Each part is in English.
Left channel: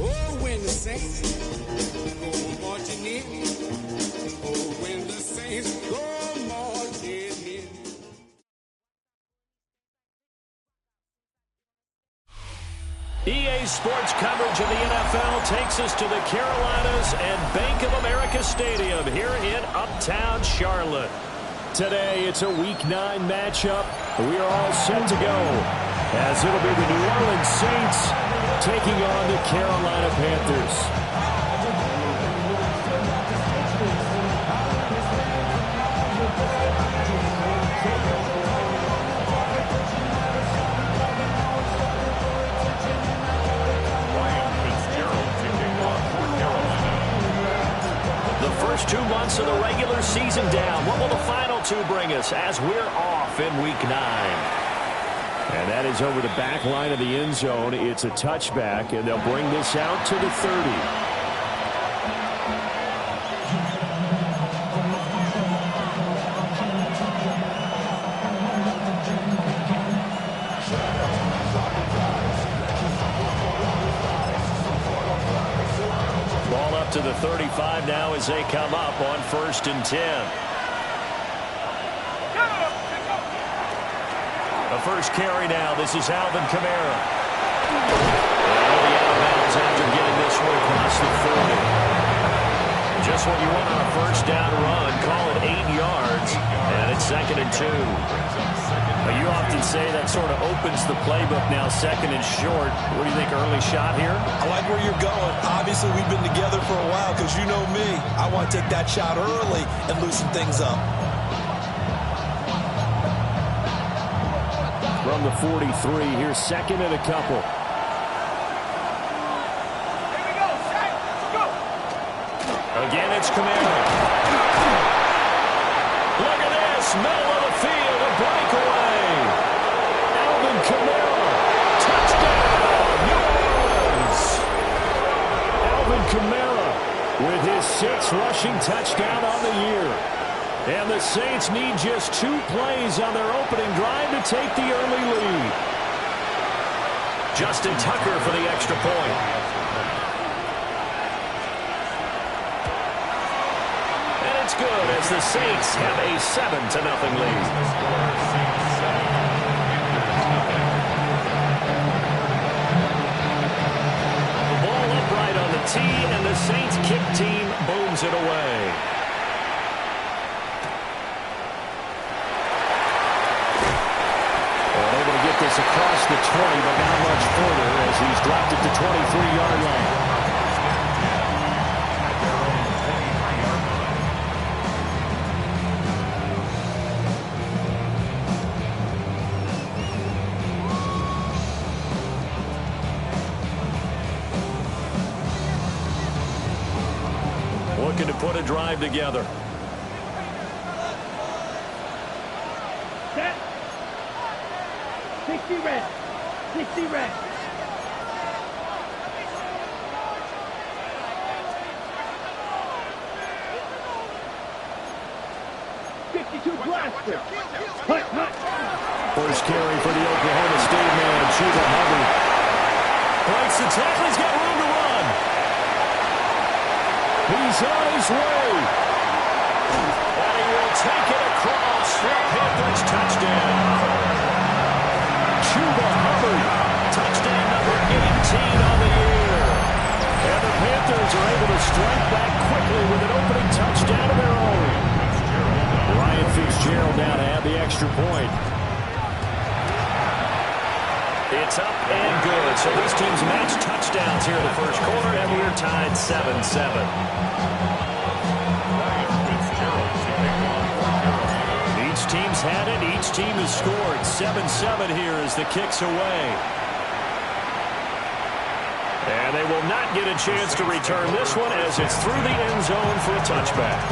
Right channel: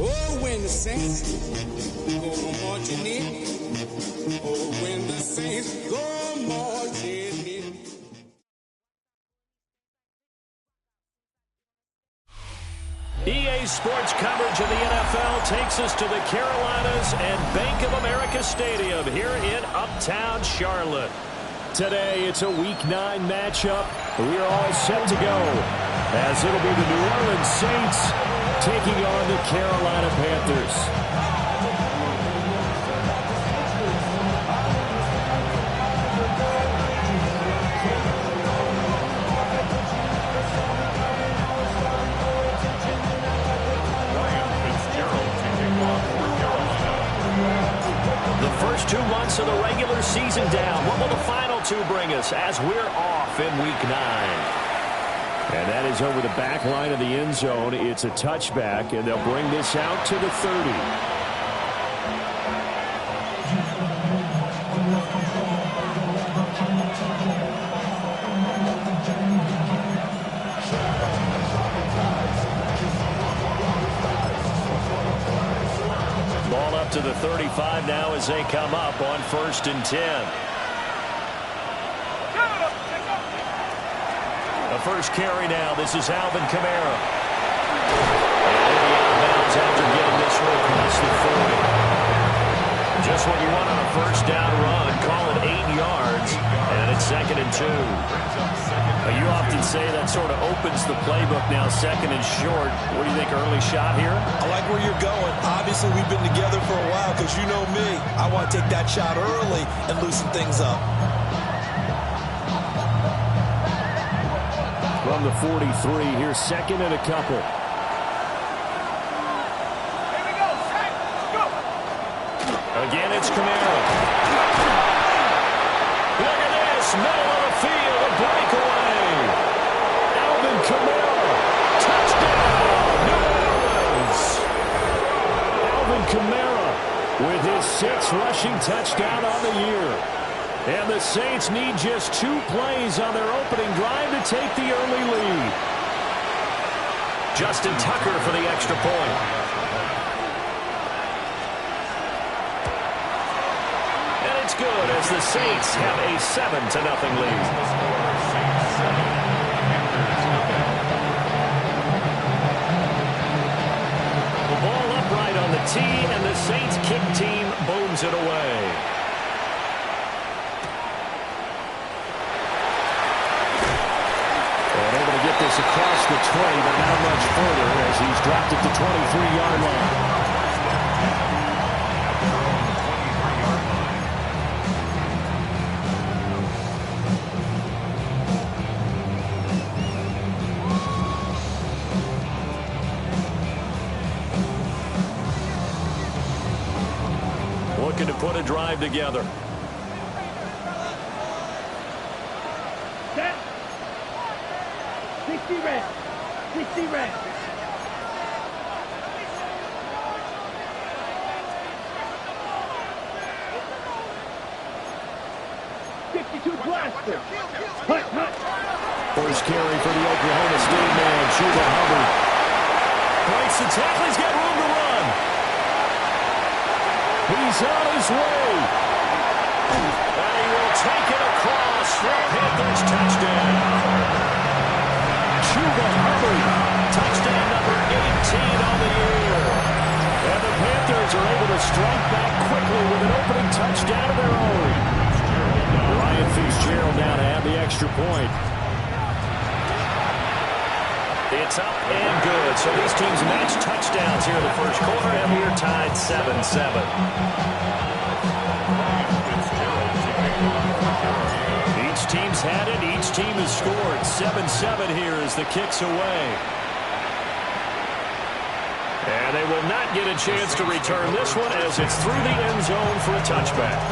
Oh, when the saints go marching in. Oh, when the saints go marching in. EA Sports coverage of the NFL takes us to the Carolinas and Bank of America Stadium here in Uptown Charlotte. Today, it's a Week 9 matchup. We are all set to go, as it'll be the New Orleans Saints taking on the Carolina Panthers. The first 2 months of the regular season down. What will the final 2 bring us as we're off in Week 9? And that is over the back line of the end zone. It's a touchback, and they'll bring this out to the 30. Ball up to the 35 now as they come up on 1st and 10. The first carry now. This is Alvin Kamara. And he'll be out of bounds after getting this one across the 40. Just what you want on a first down run. Call it 8 yards. And it's 2nd and 2. You often say that sort of opens the playbook now, 2nd and short. What do you think, early shot here? I like where you're going. Obviously, we've been together for a while because you know me. I want to take that shot early and loosen things up. From the 43, here's 2nd and a couple. Here we go, Shaq. Let's go. Again, it's Kamara. Look at this, middle of the field, a breakaway. Alvin Kamara, touchdown, New Orleans. Alvin Kamara with his 6th rushing touchdown on the year. And the Saints need just 2 plays on their opening drive to take the early lead. Justin Tucker for the extra point. And it's good as the Saints have a 7-0 lead. The ball upright on the tee, and the Saints kick team booms it away. Able to get this across the 20, but not much further as he's dropped it to 23-yard line. Looking to put a drive together. Set. 60 red. 60 red. 52 blaster. Hut, hut. First carry for the Oklahoma State man, Chuba Hubbard. Breaks the tackle. He's got room to run. He's on his way. And he will take it across for a Panthers touchdown. Chuba Hubbard, touchdown number 18 on the year. And the Panthers are able to strike back quickly with an opening touchdown of their own. Ryan Fitzgerald now to add the extra point. It's up and good. So these teams match touchdowns here in the first quarter, and we're tied 7-7. Each team's had it. Each team has scored. 7-7 here as the kick's away. And they will not get a chance to return this one as it's through the end zone for a touchback.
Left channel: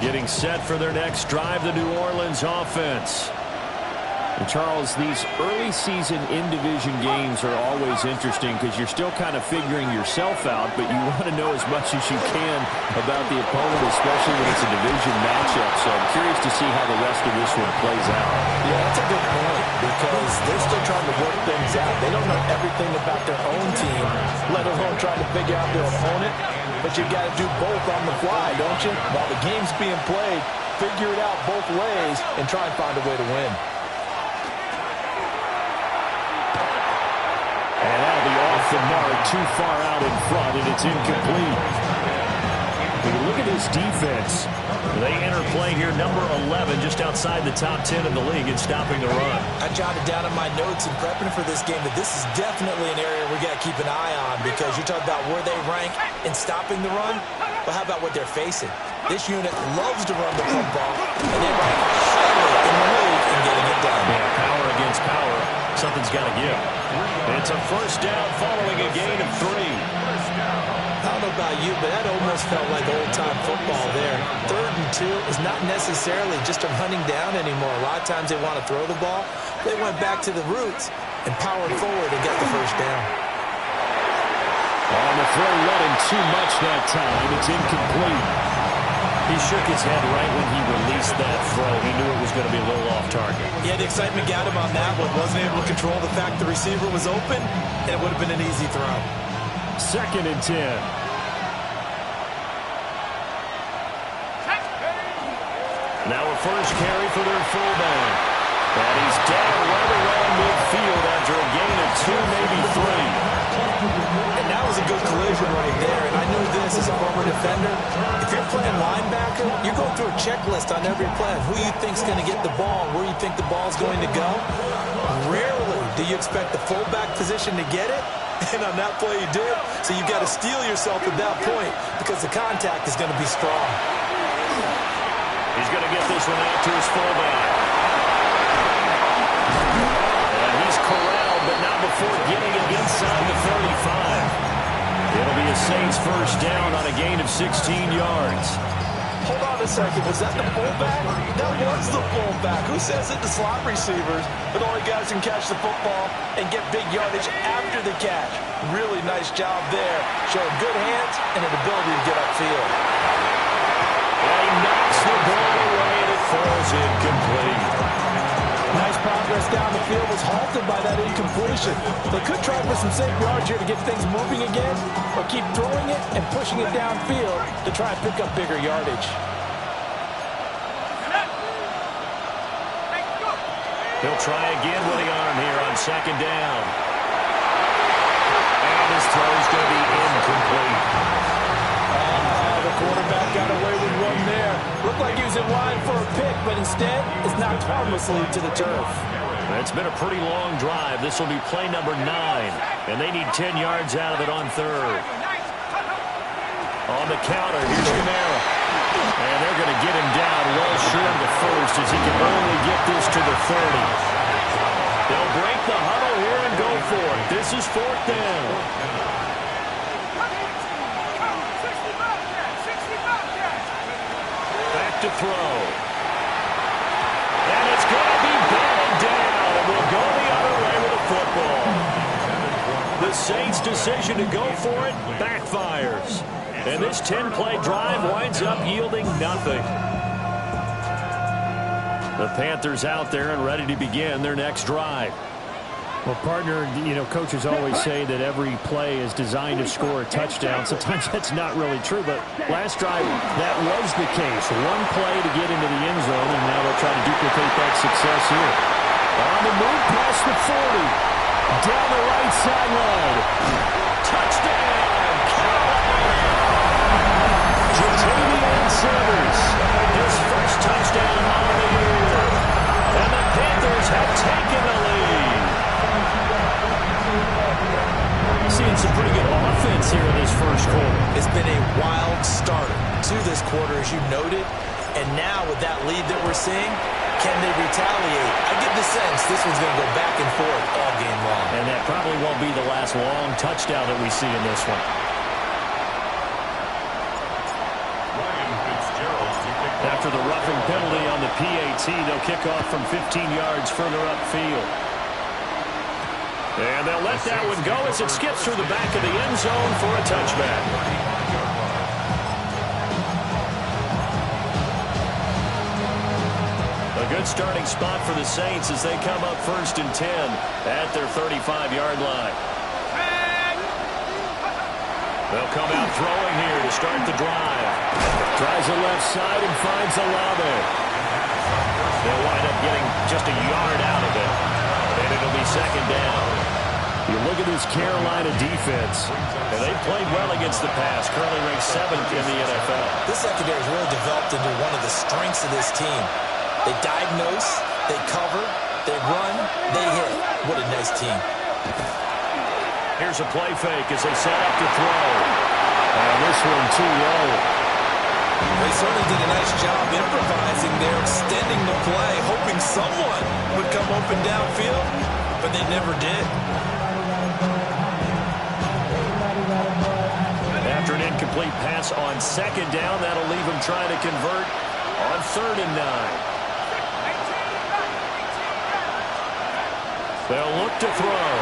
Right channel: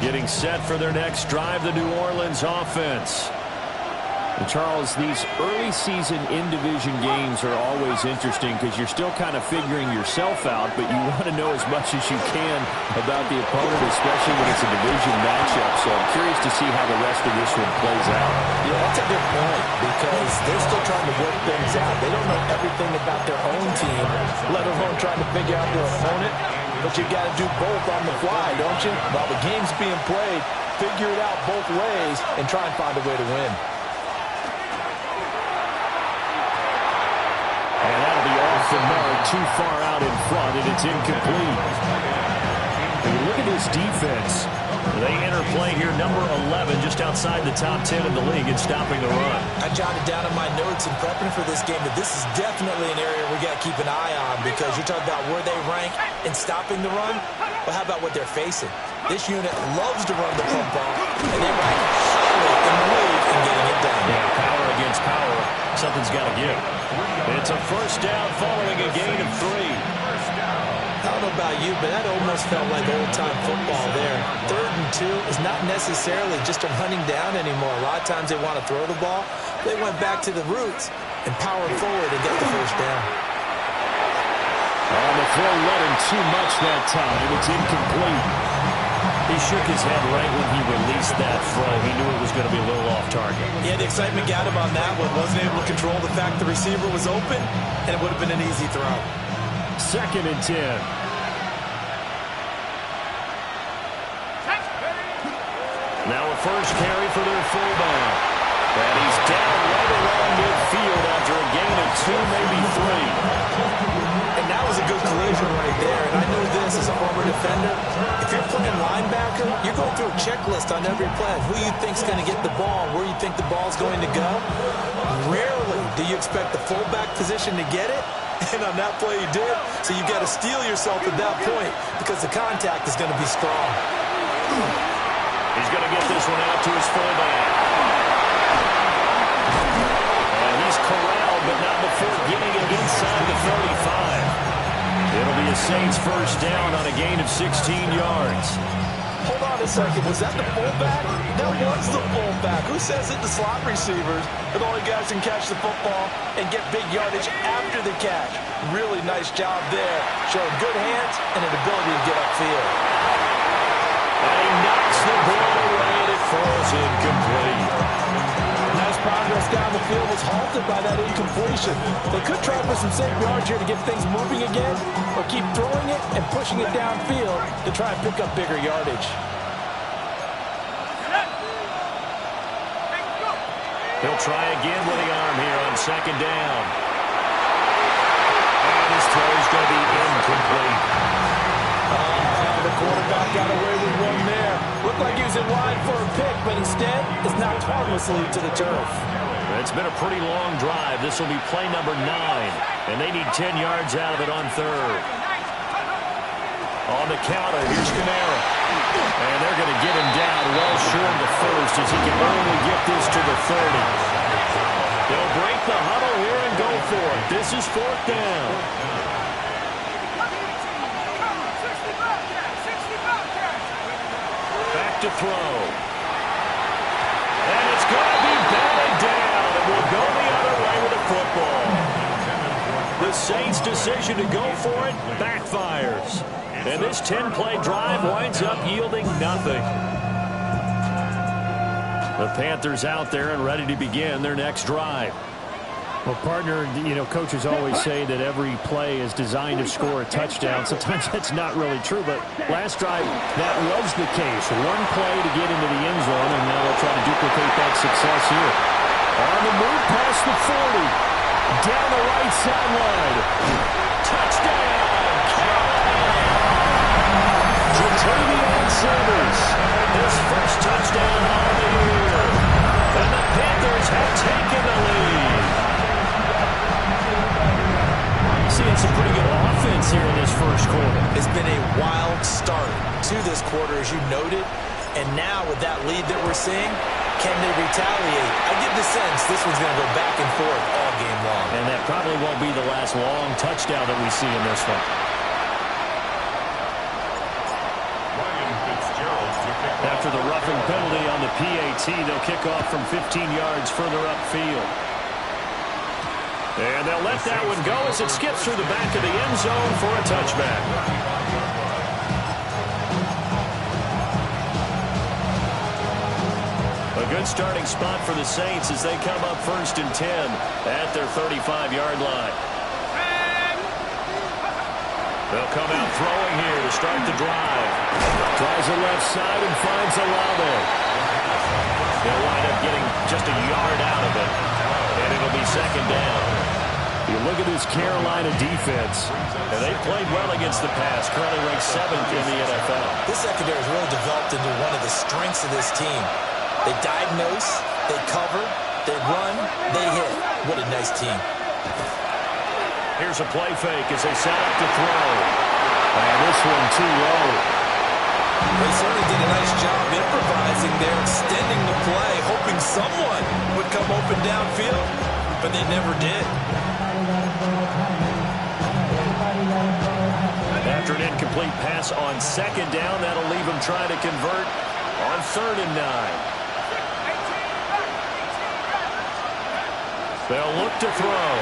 Getting set for their next drive, the New Orleans offense. And Charles, these early season in-division games are always interesting because you're still kind of figuring yourself out, but you want to know as much as you can about the opponent, especially when it's a division matchup. So I'm curious to see how the rest of this one plays out. Yeah, that's a good point because they're still trying to work things out. They don't know everything about their own team, let alone trying to figure out their opponent. But you've got to do both on the fly, don't you? While the game's being played, figure it out both ways and try and find a way to win. And that'll be off the mark, too far out in front, and it's incomplete. When you look at this defense, they enter play here number 11, just outside the top 10 in the league in stopping the run. I jotted down in my notes in prepping for this game that this is definitely an area we got to keep an eye on because you're talking about where they rank in stopping the run. But how about what they're facing? This unit loves to run the football, and they rank highly in the league in getting it done. Yeah, power against power. Something's got to give. It's a first down following a gain of 3. I don't know about you, but that almost felt like old-time football there. 3rd and 2 is not necessarily just a running down anymore. A lot of times they want to throw the ball. They went back to the roots and powered forward and got the first down. On the throw, let him too much that time. It's incomplete. He shook his head right when he released that throw. He knew it was going to be a little off target. Yeah, the excitement got him on that one. Wasn't able to control the fact the receiver was open, and it would have been an easy throw. 2nd and 10. Now a first carry for their fullback. And he's down right around midfield after a gain of 2, maybe 3. And that was a good collision right there. And I knew this as a former defender. If you're playing linebacker, you're going through a checklist on every play. Who you think's going to get the ball, where you think the ball's going to go. Rarely do you expect the fullback position to get it. And on that play, he did. So you've got to steel yourself at that point because the contact is going to be strong. He's going to get this one out to his fullback. And he's corralled, but not before getting it inside the 35. It'll be a Saints first down on a gain of 16 yards. Hold on a second. Was that the fullback? That was the fullback. Who says it? The slot receivers. But only guys can catch the football and get big yardage after the catch. Really nice job there. Showing good hands and an ability to get upfield. And he knocks the ball away, and it falls incomplete. Nice progress down the field was halted by that incompletion. They could try for some safe yards here to get things moving again, or keep throwing it and pushing it downfield to try and pick up bigger yardage. He'll try again with the arm here on 2nd down. And And his throw is going to be incomplete. The quarterback got away with one there. Looked like he was in line for a pick, but instead, it's knocked harmlessly to the turf. It's been a pretty long drive. This will be play number 9, and they need 10 yards out of it on third. On the counter, here's Kamara. And they're going to get him down well short of the first as he can only get this to the 30. They'll break the huddle here and go for it. This is 4th down. Back to throw. And it's going to be batted down, and will go the other way with the football. The Saints' decision to go for it backfires. And this 10-play drive winds up yielding nothing. The Panthers out there and ready to begin their next drive. Well, partner, you know, coaches always say that every play is designed to score a touchdown. Sometimes that's not really true, but last drive, that was the case. One play to get into the end zone, and now they'll try to duplicate that success here. On the move past the 40, down the right sideline. Touchdown, Carolina! Ja'Tavion Sanders, his first touchdown of the year. And the Panthers have taken the lead. Seeing some pretty good offense here in this first quarter. It's been a wild start to this quarter, as you noted. And now with that lead that we're seeing, can they retaliate? I get the sense this one's going to go back and forth all game long. And that probably won't be the last long touchdown that we see in this one. After the roughing penalty on the PAT, they'll kick off from 15 yards further upfield. And they'll let that one go as it skips through the back of the end zone for a touchback. A good starting spot for the Saints as they come up 1st and 10 at their 35-yard line. They'll come out throwing here to start the drive. Tries the left side and finds Olave. They'll wind up getting just a yard out of it. And it'll be 2nd down. You look at this Carolina defense. And they've played well against the pass, currently ranked 7th in the NFL. This secondary has really developed into one of the strengths of this team. They diagnose, they cover, they run, they hit. What a nice team. Here's a play fake as they set up to throw. And this one too low. They certainly did a nice job improvising there, extending the play, hoping someone would come open downfield, but they never did. After an incomplete pass on 2nd down, that'll leave them trying to convert on 3rd and 9. They'll look to throw.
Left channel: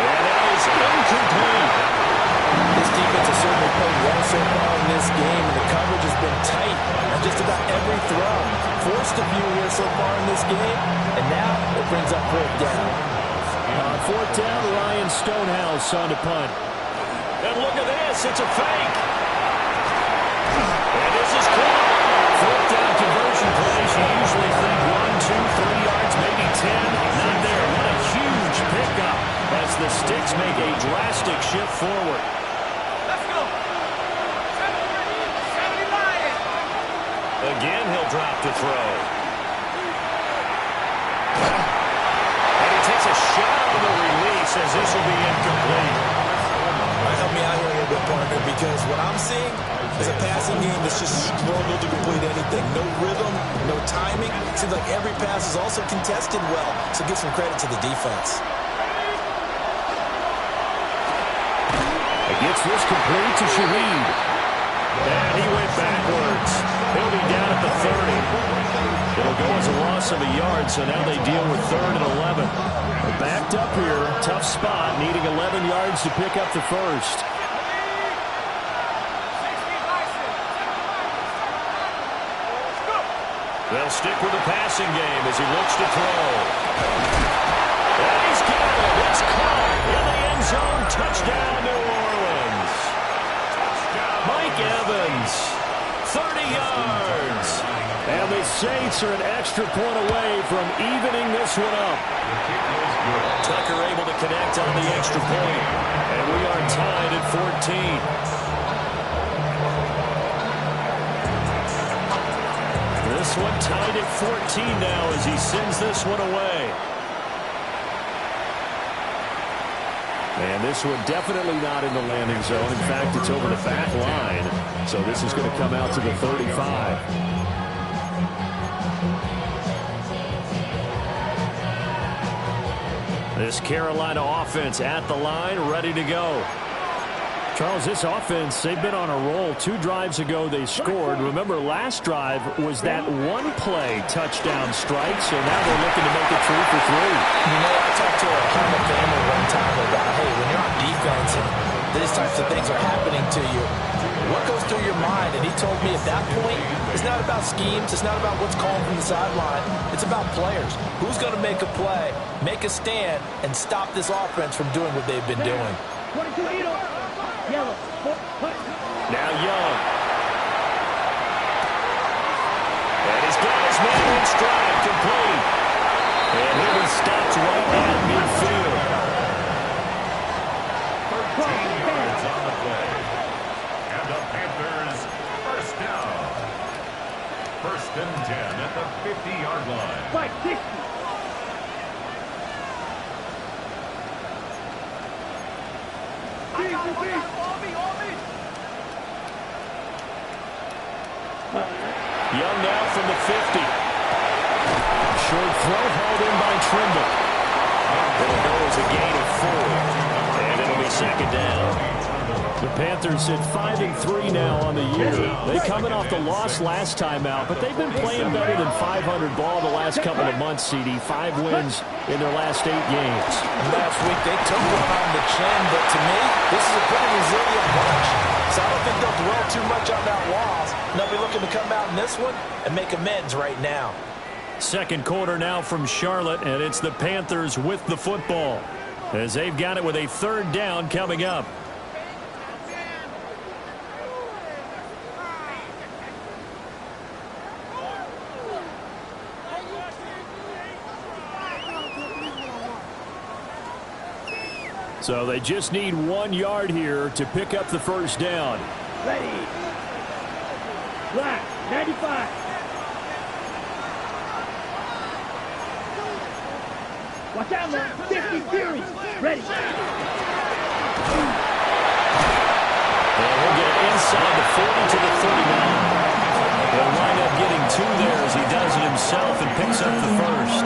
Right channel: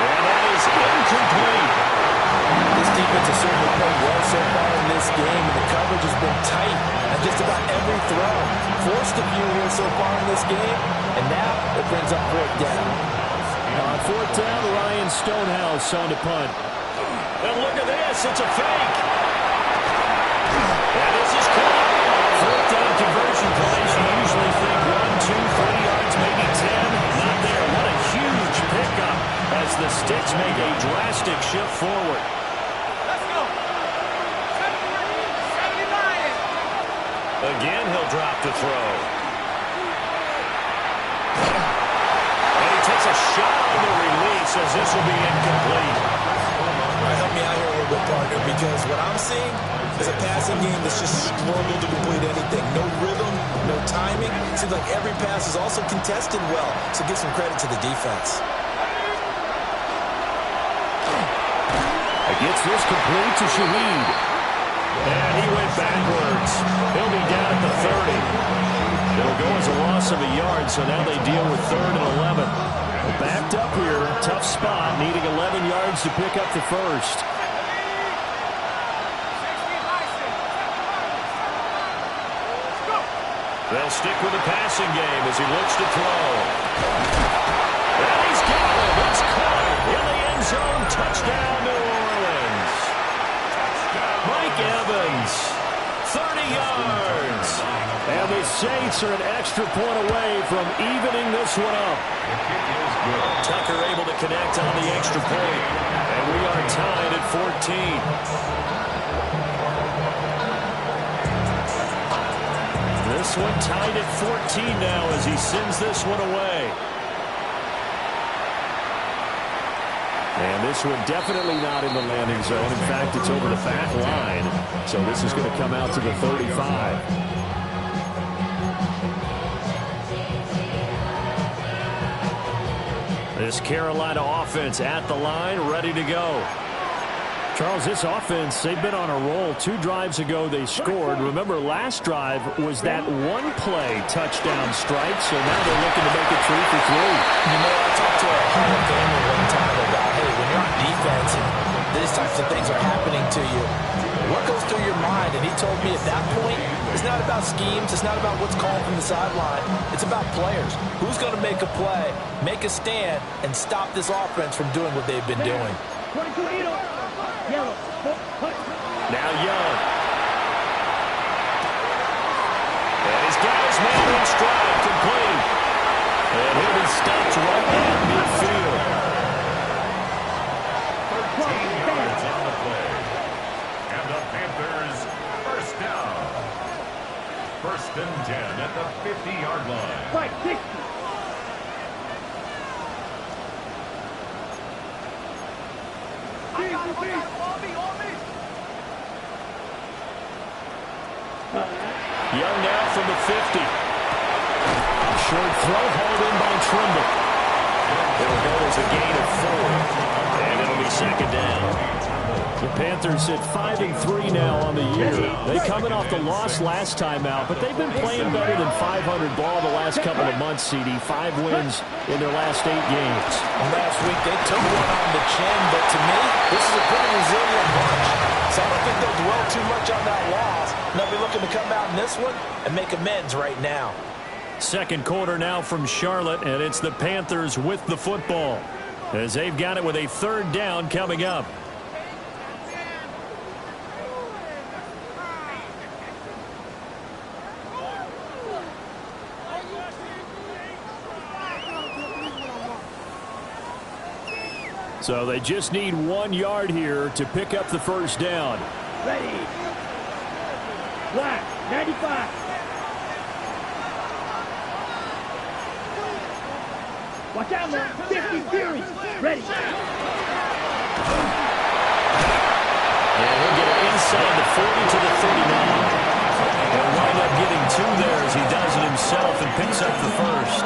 And that is incomplete. This defense has certainly played well so far in this game, and the coverage has been tight on just about every throw. Forced a few here so far in this game, and now it brings up 4th down. On 4th down, Ryan Stonehouse on to punt. And look at this, it's a fake. And this is caught. 4th down conversion plays, you usually think 1, 2, 3 yards, maybe 10. Not there. What a huge pickup as the Sticks make a drastic shift forward. Let's go. 79. Again, he'll drop to throw. And he takes a shot on the release as this will be incomplete. All right, help me out here a little bit, partner, because what I'm seeing is a passing game that's just struggled to complete anything. No rhythm, no timing. Seems like every pass is also contested well, so give some credit to the defense. Gets this complete to Shaheed. And he went backwards. He'll be down at the 30. It'll go as a loss of a yard, so now they deal with 3rd and 11. Backed up here, tough spot, needing 11 yards to pick up the first. They'll stick with the passing game as he looks to throw. And he's got it. It's caught in the end zone. Touchdown, New Orleans. Mike Evans, 30 yards. And the Saints are an extra point away from evening this one up. Tucker able to connect on the extra point. And we are tied at 14. This one tied at 14 now as he sends this one away. And this one definitely not in the landing zone. In fact, it's over the back line. So this is going to come out to the 35. This Carolina offense at the line, ready to go. Charles, this offense, they've been on a roll. 2 drives ago, they scored. Remember, last drive was that one-play touchdown strike, so now they're looking to make it 3 for 3. You know, I talked to a Hall of Famer one time about, hey, when you're on defense and these types of things are happening to you, what goes through your mind? And he told me at that point, it's not about schemes. It's not about what's called from the sideline. It's about players. Who's going to make a play, make a stand, and stop this offense from doing what they've been doing? 22 yellow. Now Young. And he's got his man in stride, complete. And he'll be stopped right at midfield. 13 yards on the play. And the Panthers first down. 1st and 10 at the 50-yard line. 560. Young now from the 50. Short throw hauled in by Trimble. It'll go as a gain of 4. And it'll be 2nd down. The Panthers at 5-3 now on the year. They coming off the loss last time out, but they've been playing better than 500 ball the last couple of months, CD. 5 wins in their last 8 games. Last week, they took one on the chin, but to me, this is a pretty resilient bunch. So I don't think they'll dwell too much on that loss. They'll be looking to come out in this one and make amends right now. 2nd quarter now from Charlotte, and it's the Panthers with the football as they've got it with a 3rd down coming up. So they just need 1 yard here to pick up the 1st down. Ready. Black, 95. Watch out, man. 50 Fury. Ready. And he'll get it inside the 40 to the 39. He'll wind up getting 2 there as he does it himself and picks up the 1st.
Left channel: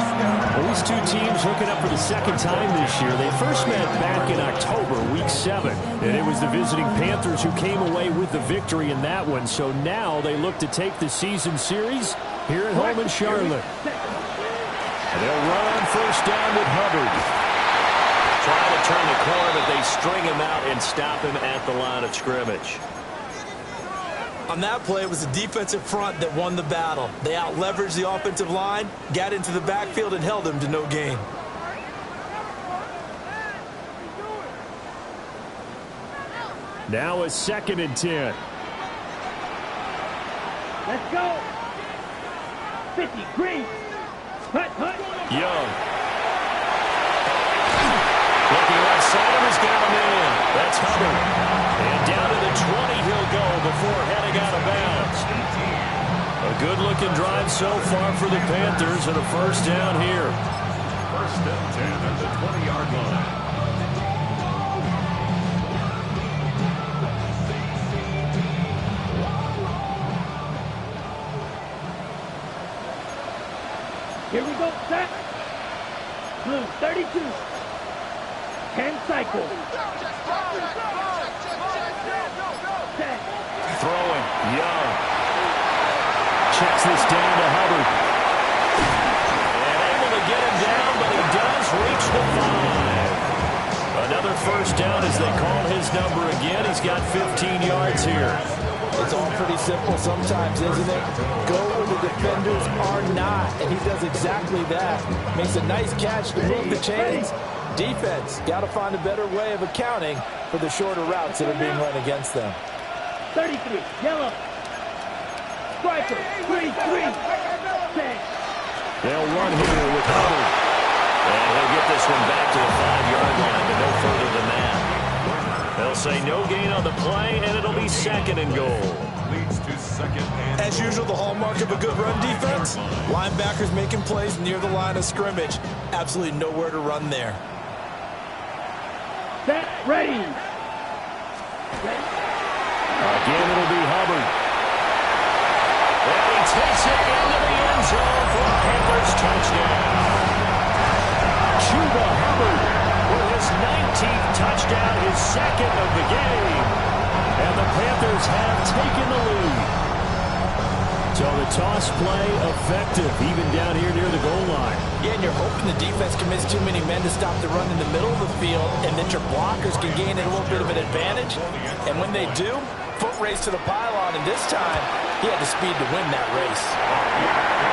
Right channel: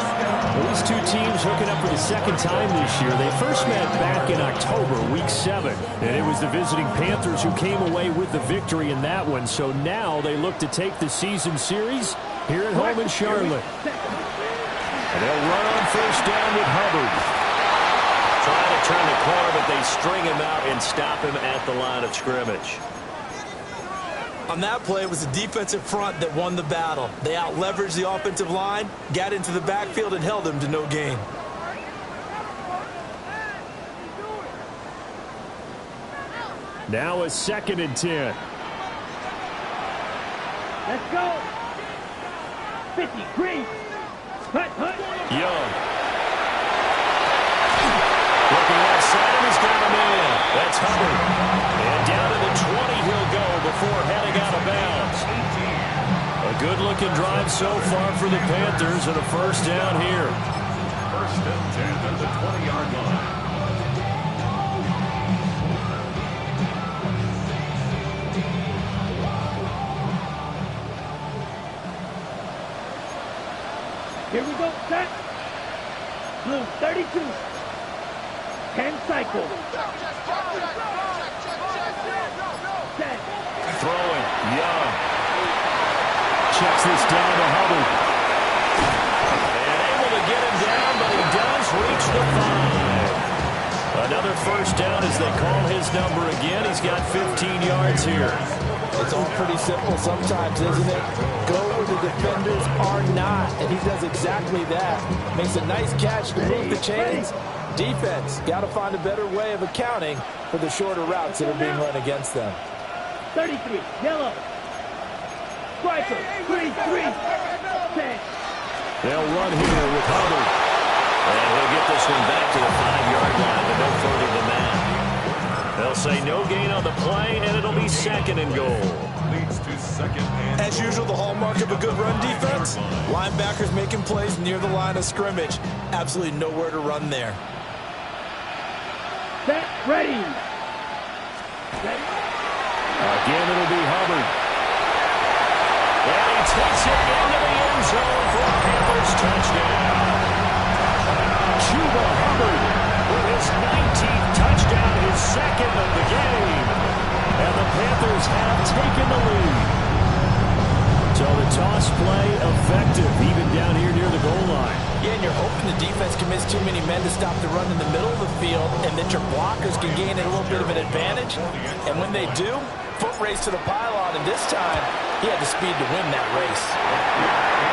Well, these 2 teams hooking up for the 2nd time this year. They first met back in October, week 7. And it was the visiting Panthers who came away with the victory in that one. So now they look to take the season series here at home in Charlotte. And they'll run on 1st down with Hubbard. Trying to turn the corner, but they string him out and stop him at the line of scrimmage. On that play, it was the defensive front that won the battle. They out-leveraged the offensive line, got into the backfield, and held them to no gain. Now a 2nd and 10. Let's go. 50 Green. Hut. Young. Looking left side of his got a man. That's Hubbard. And down to the 20 he'll go before heading out of bounds. A good-looking drive so far for the Panthers and a 1st down here. 1st and 10 at the 20-yard line. Here we go. Set. Blue, 32. 10 cycle. Set. Throwing. Young. Checks this down to Hubbard. And able to get him down, but he does reach the 5. Another 1st down as they call his number again. He's got 15 yards here. It's all pretty simple sometimes, isn't it? Go where the defenders are not, and he does exactly that. Makes a nice catch to move the chains. Defense, got to find a better way of accounting for the shorter routes that are being run against them. 33, yellow. striker. 3-3. Set. They'll run here with Hubbard. And he'll get this one back to the 5-yard line, but no further than that. They'll say no gain on the play, and it'll be 2nd and goal. Leads to 2nd and As usual, the hallmark of a good run defense, linebackers making plays near the line of scrimmage. Absolutely nowhere to run there. Set. Ready. Again, it'll be Hubbard. And he takes it into the end zone for a Panthers touchdown. Chuba Hubbard With his 19th touchdown, his 2nd of the game. And the Panthers have taken the lead. So the toss play effective, even down here near the goal line. Yeah, and you're hoping the defense commits too many men to stop the run in the middle of the field and that your blockers can gain a little bit of an advantage. And when they do, foot race to the pylon, and this time he had the speed to win that race.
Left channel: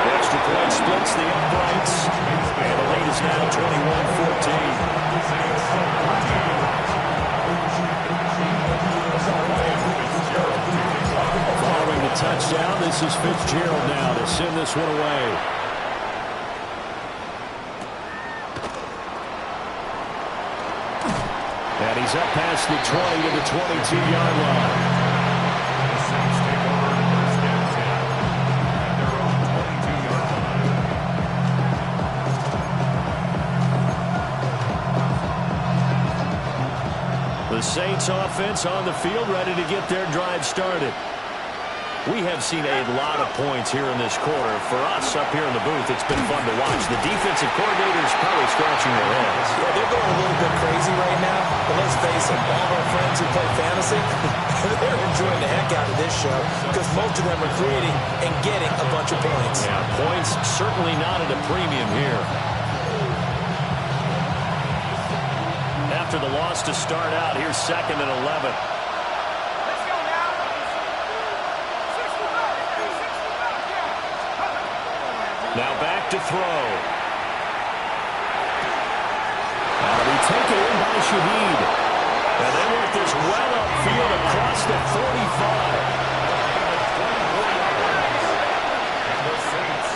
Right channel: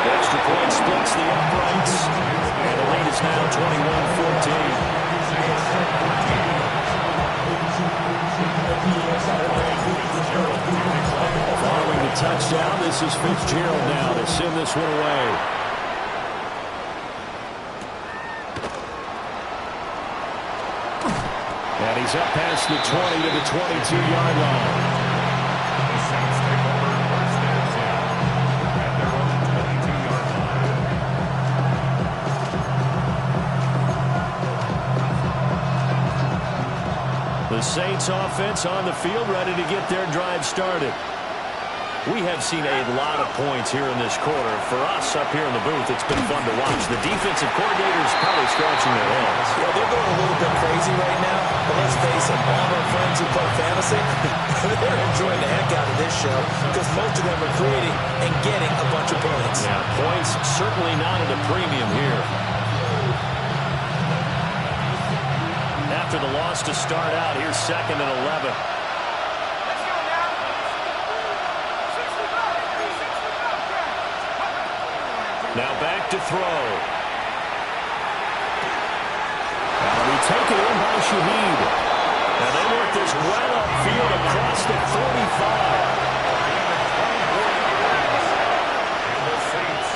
The extra point splits the uprights, and the lead is now 21-14. Following the touchdown, this is Fitzgerald now to send this one away. And he's up past the 20 to the 22-yard line. the Saints take over 1st and 10 at their own 22-yard line. The Saints offense on the field, ready to get their drive started. We have seen a lot of points here in this quarter. For us up here in the booth, it's been fun to watch. The defensive coordinators probably scratching their heads. Yeah, they're going a little bit crazy right now, but let's face it, all of our friends who play fantasy, they're enjoying the heck out of this show because most of them are creating and getting a bunch of points. Yeah, points certainly not at a premium here. After the loss to start out, here's 2nd and 11. Now back to throw. Now be taken in by Shaheed. And they work this well upfield across the 45. And the Saints,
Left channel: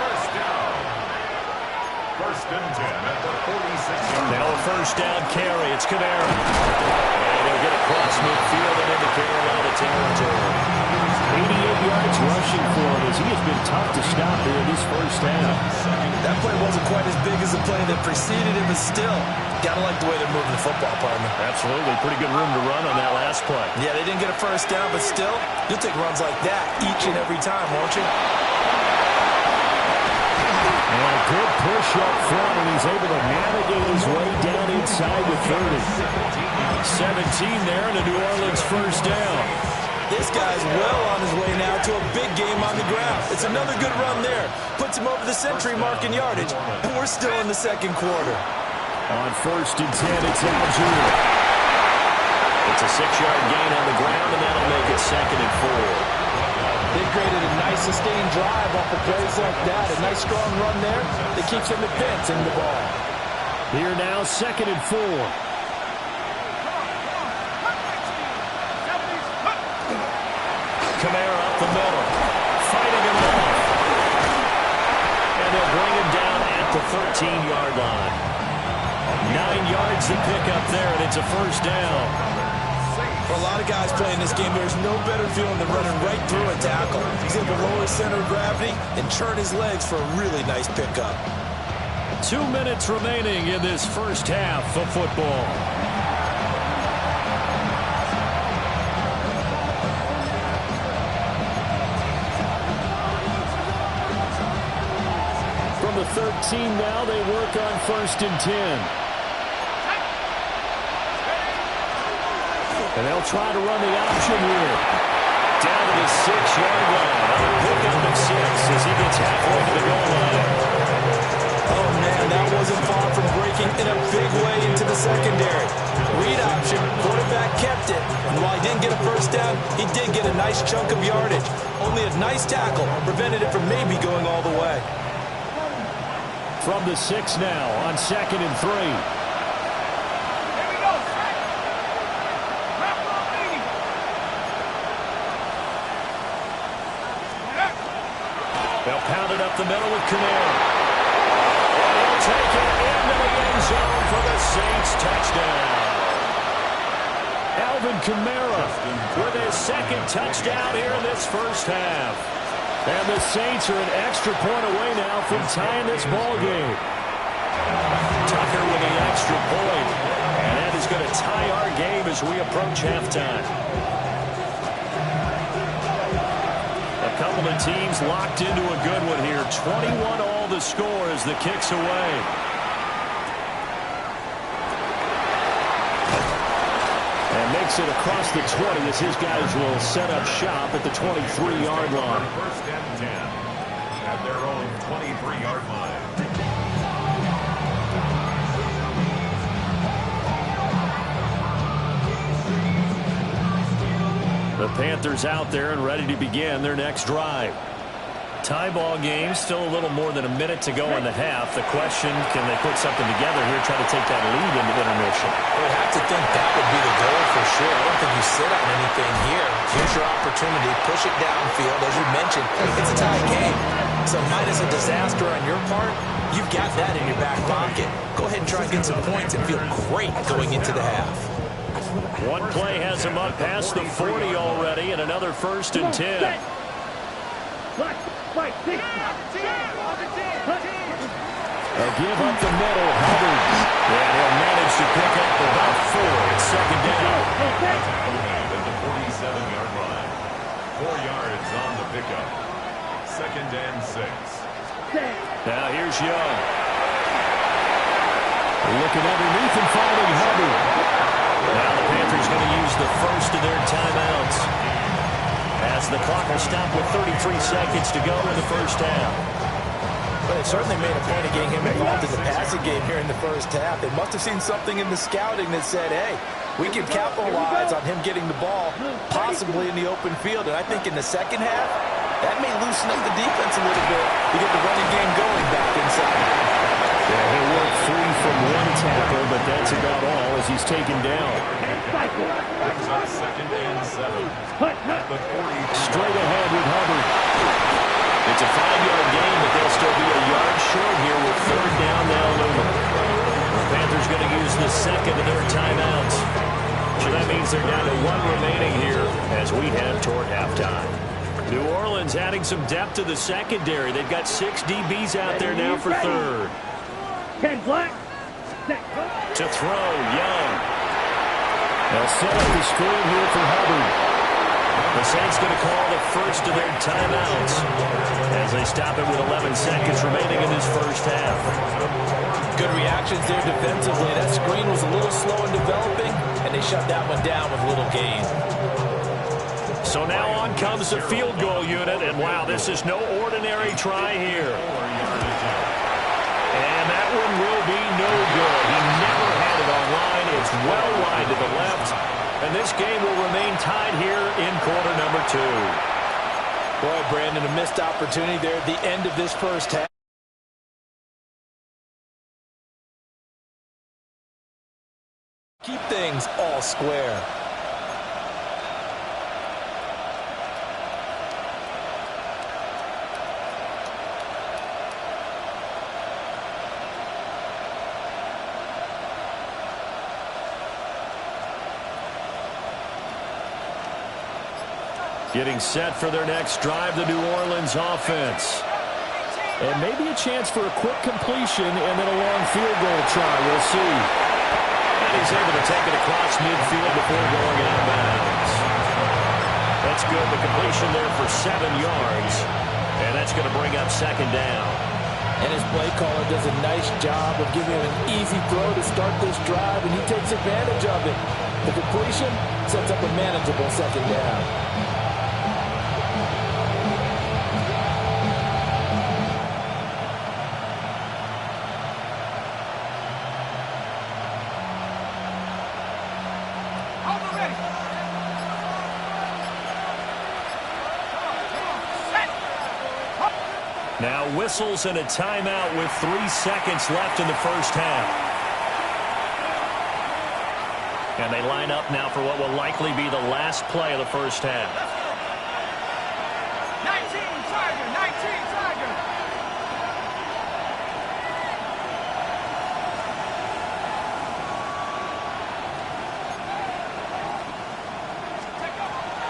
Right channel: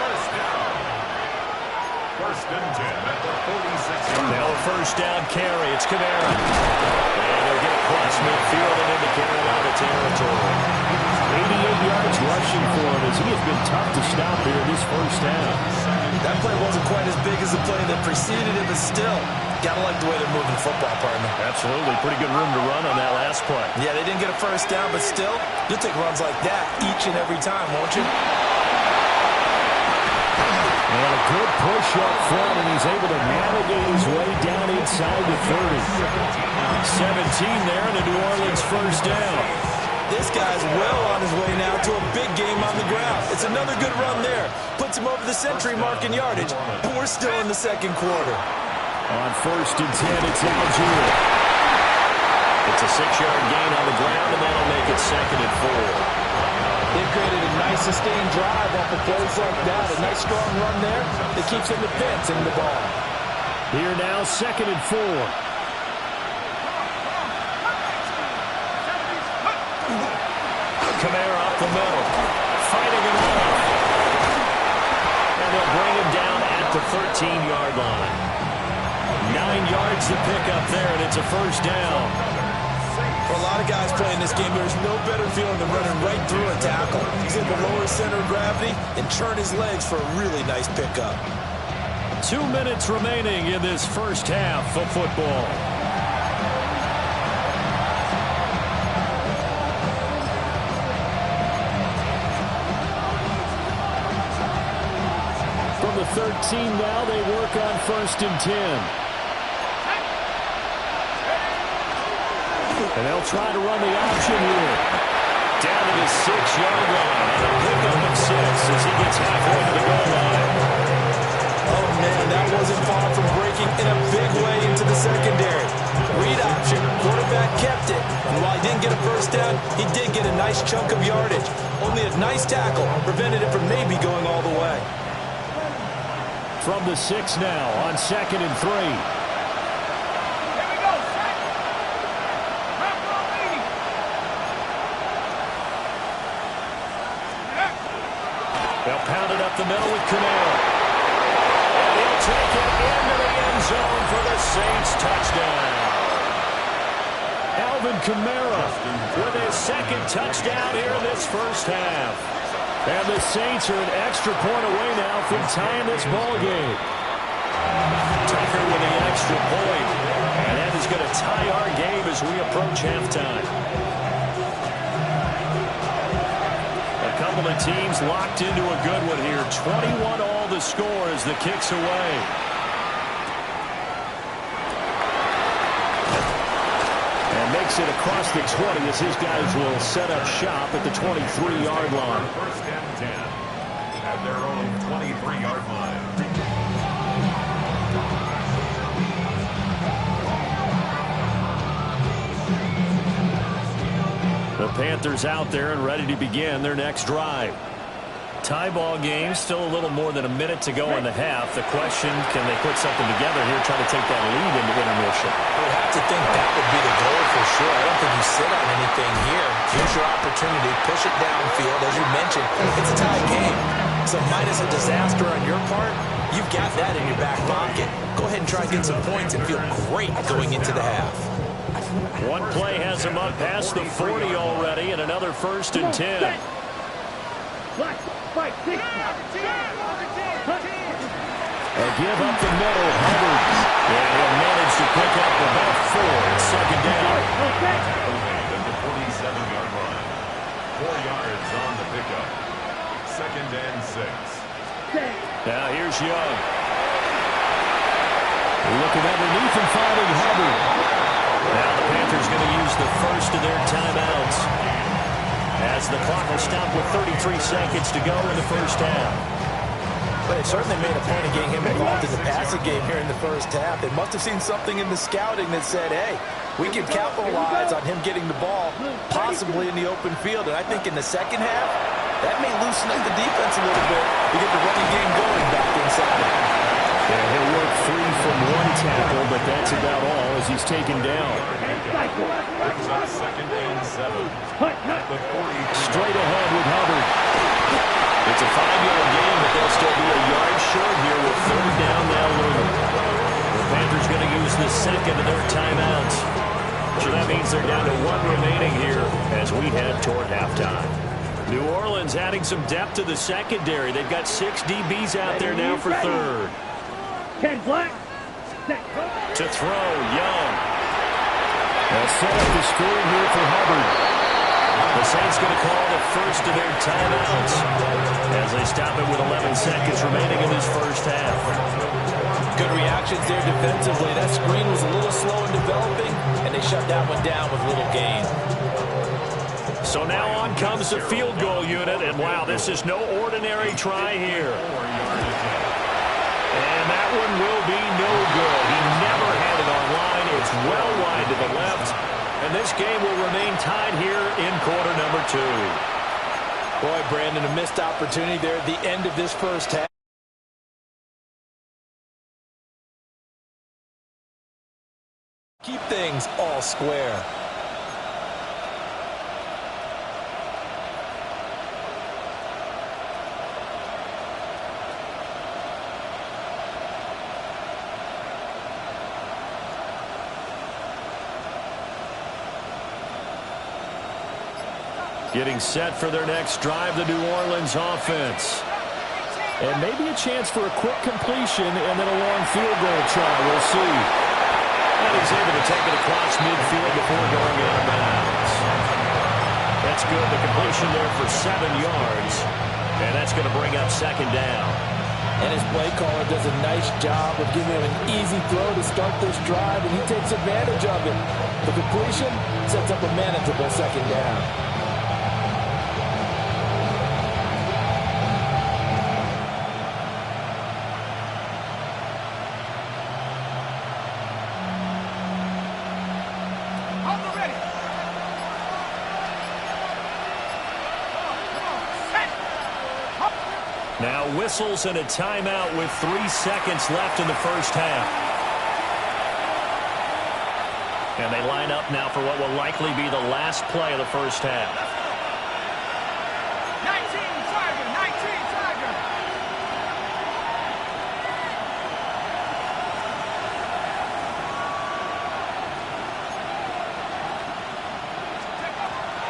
1st down. 1st and 10 at the 46-yard line. Now a 1st down carry. It's Kamara. And he'll get across midfield and into Carolina territory. 88 yards rushing for him as he has been tough to stop here in this 1st half. That play wasn't quite as big as the play that preceded it, but still, gotta like the way they're moving the football, partner. Absolutely. Pretty good room to run on that last play. Yeah, they didn't get a 1st down, but still, you'll take runs like that each and every time, won't you? And a good push up front, and he's able to navigate his way down inside the 30. 17 there, and a New Orleans 1st down. This guy's well on his way now to a big game on the ground. It's another good run there. Puts him over the century mark in yardage, and we're still in the 2nd quarter. On 1st and 10, it's Algier. It's a 6-yard gain on the ground, and that'll make it 2nd and 4. They've created a nice sustained drive off of plays like that. A nice strong run there that keeps them advancing the ball. Here now, 2nd and 4. Kamara up the middle, fighting him off. And they'll bring him down at the 13-yard line. 9 yards to pick up there, and it's a 1st down. For a lot of guys playing this game, there's no better feeling than running right through a tackle. He's able to lower his center of gravity and turn his legs for a really nice pickup. 2 minutes remaining in this 1st half of football. From the 13 now, they work on 1st and 10. And they'll try to run the option here. Down to the 6-yard line on a pickup of 6 as he gets halfway to the goal line. Oh, man, that wasn't far from breaking in a big way into the secondary. Read option, quarterback kept it. And while he didn't get a 1st down, he did get a nice chunk of yardage. Only a nice tackle prevented it from maybe going all the way. From the 6 now on 2nd and 3. They'll pound it up the middle with Kamara. And he'll take it into the end zone for the Saints touchdown. Alvin Kamara with his second touchdown here in this first half. And the Saints are an extra point away now from tying this ball game. Tucker with the extra point. And that is going to tie our game as we approach halftime. A couple of teams locked into a good one here. 21 all the score as the kick's away. And makes it across the 20 as his guys will set up shop at the 23-yard line. First and 10 at their own 23-yard line. The Panthers out there and ready to begin their next drive. Tie ball game, still a little more than a minute to go in the half. The question, can they put something together here, try to take that lead into intermission? I would have to think that would be the goal for sure. I don't think you sit on anything here. Here's your opportunity. Push it downfield. As you mentioned, it's a tie game. So minus a disaster on your part, you've got that in your back pocket. Go ahead and try and get some points and feel great going into the half. One play has him up past the 40 already, and another 1st and 10. A give up the middle, Hubbard. And he'll manage to pick up about 4. It's second down. Made at the 47-yard line. 4 yards on the pickup. 2nd and 6. Now here's Young. Looking underneath and finding Hubbard. Now the Panthers going to use the first of their timeouts, as the clock will stop with 33 seconds to go in the first half. But they certainly made a point of getting him involved in the passing game here in the first half. They must have seen something in the scouting that said, hey, we can capitalize on him getting the ball, possibly in the open field. And I think in the second half, that may loosen up the defense a little bit to get the running game going back inside. Yeah, he'll work free from one tackle, but that's about all as he's taken down. Brings up 2nd and 7 at the 40. Straight ahead with Hubbard. It's a 5-yard gain, but they'll still be a yard short here with 3rd down now looming. The Panthers going to use the second of their timeouts. So that means they're down to 1 remaining here as we head toward halftime. New Orleans adding some depth to the secondary. They've got 6 DBs out there now for 3rd. Ken Black. To throw, Young. They'll set up the screen here for Hubbard. The Saints going to call the first of their timeouts as they stop it with 11 seconds remaining in this first half. Good reactions there defensively. That screen was a little slow in developing, and they shut that one down with little gain. So now on comes the field goal unit, and wow, this is no ordinary try here. And that one will be no good. He never had it on line. It's well wide to the left. And this game will remain tied here in quarter number 2. Boy, Brandon, a missed opportunity there at the end of this first half. Keep things all square. Getting set for their next drive, the New Orleans offense. And maybe a chance for a quick completion and then a long field goal try. We'll see. And he's able to take it across midfield before going out of bounds. That's good. The completion there for 7 yards. And that's going to bring up 2nd down. And his play caller does a nice job of giving him an easy throw to start this drive, and he takes advantage of it. The completion sets up a manageable 2nd down. Now whistles and a timeout with 3 seconds left in the first half. And they line up now for what will likely be the last play of the first half. 19 Tiger, 19 Tiger.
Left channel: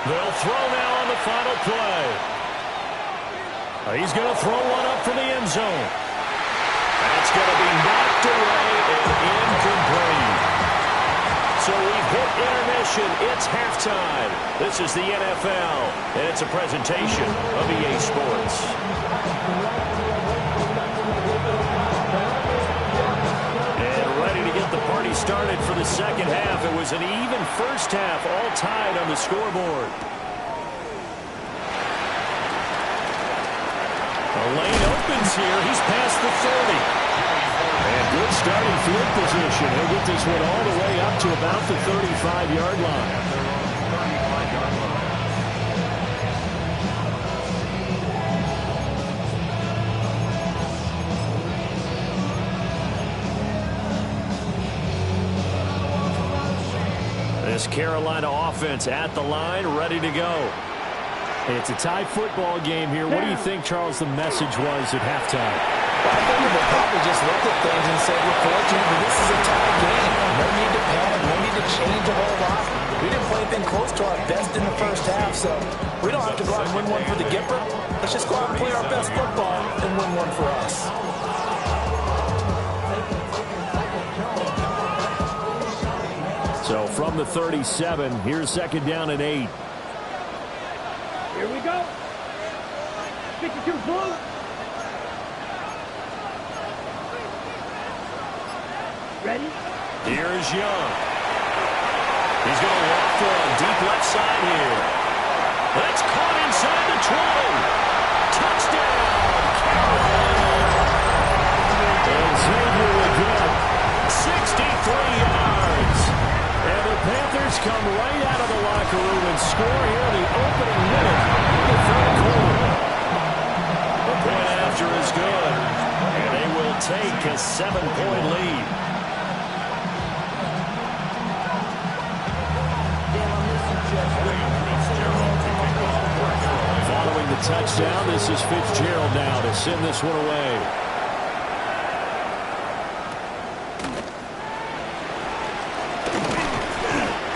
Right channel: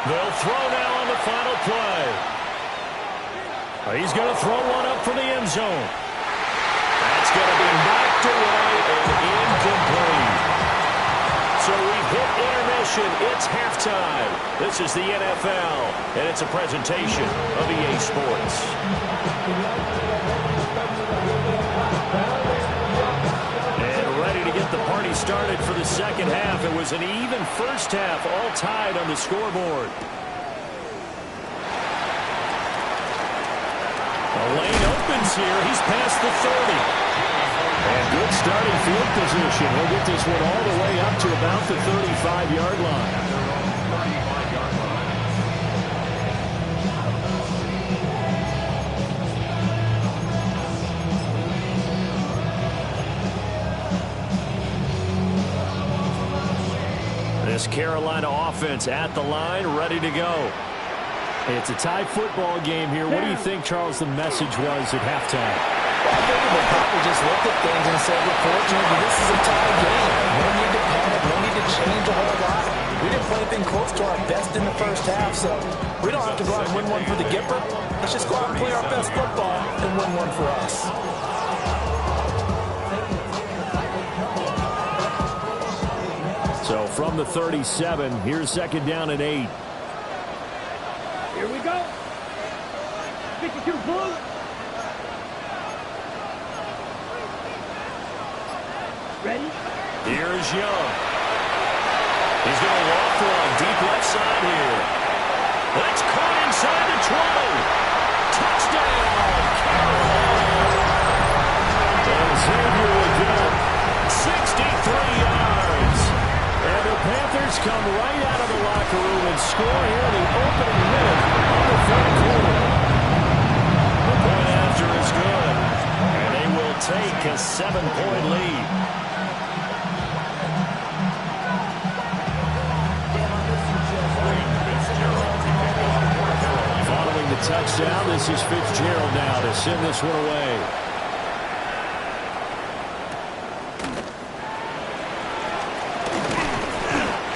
They'll throw now on the final play. He's going to throw one up from the end zone. That's going to be knocked away and incomplete. So we've hit intermission. It's halftime. This is the NFL, and it's a presentation of EA Sports. And ready to get the party started for the second half. It was an even first half, all tied on the scoreboard. The lane opens here. He's past the 30. And good starting field position. He'll get this one all the way up to about the 35-yard line. At their own 35-yard line. This Carolina offense at the line, ready to go. It's a tie football game here. What do you think, Charles, the message was at halftime? Well, I think they probably just looked at things and said, we're fortunate that this is a tie game. No need to panic, no need to change a whole lot. We didn't play anything close to our best in the first half, so we don't have to go out and win one for the Gipper. Let's just go out and play our best football and win one for us. So from the 37, here's second down and 8. Here we go. 52 blue. Ready? Here's Young. He's going to loft one deep left side here. That's caught inside the 20. Touchdown, Carolina. And Xavier again. 63 yards. And the Panthers come right out of the locker room and score here in the opening minute of the third quarter. The point after is good. And they will take a 7-point lead. Following the touchdown, this is Fitzgerald now to send this one away.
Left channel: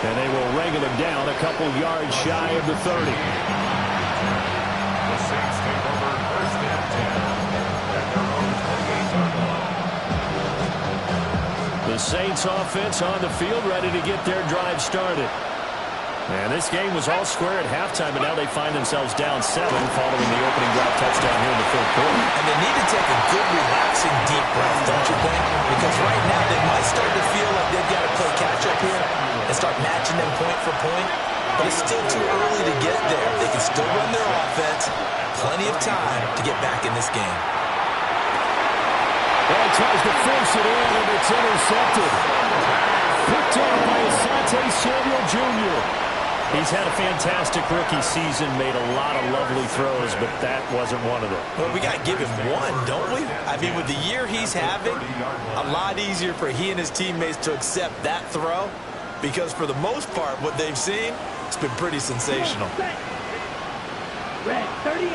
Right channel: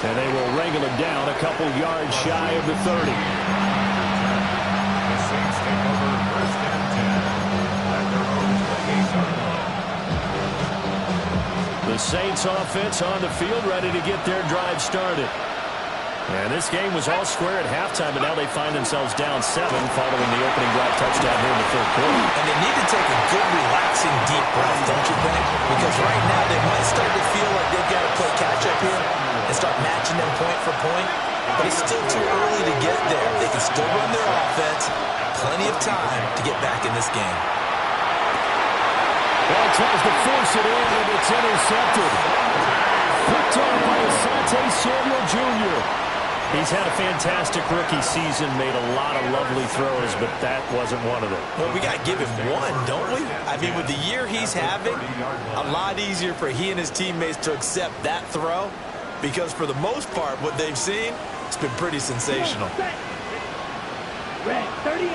And they will wrangle him down a couple yards shy of the 30. The Saints take over first and 10 at their own 28-yard line. The Saints offense on the field, ready to get their drive started. And this game was all square at halftime, but now they find themselves down 7 following the opening drive touchdown here in the third quarter. And they need to take a good, relaxing, deep breath, don't you think? Because right now they might start to feel like they've got to play catch-up here and start matching them point for point. But it's still too early to get there. They can still run their offense. Plenty of time to get back in this game. Well, he tries to force it in, and it's intercepted. Picked off by Asante Samuel Jr. He's had a fantastic rookie season, made a lot of lovely throws, but that wasn't one of them. Well, we got to give him one, don't we? I mean, with the year he's having, a lot easier for he and his teammates to accept that throw, because for the most part, what they've seen, it's been pretty sensational. Red 38.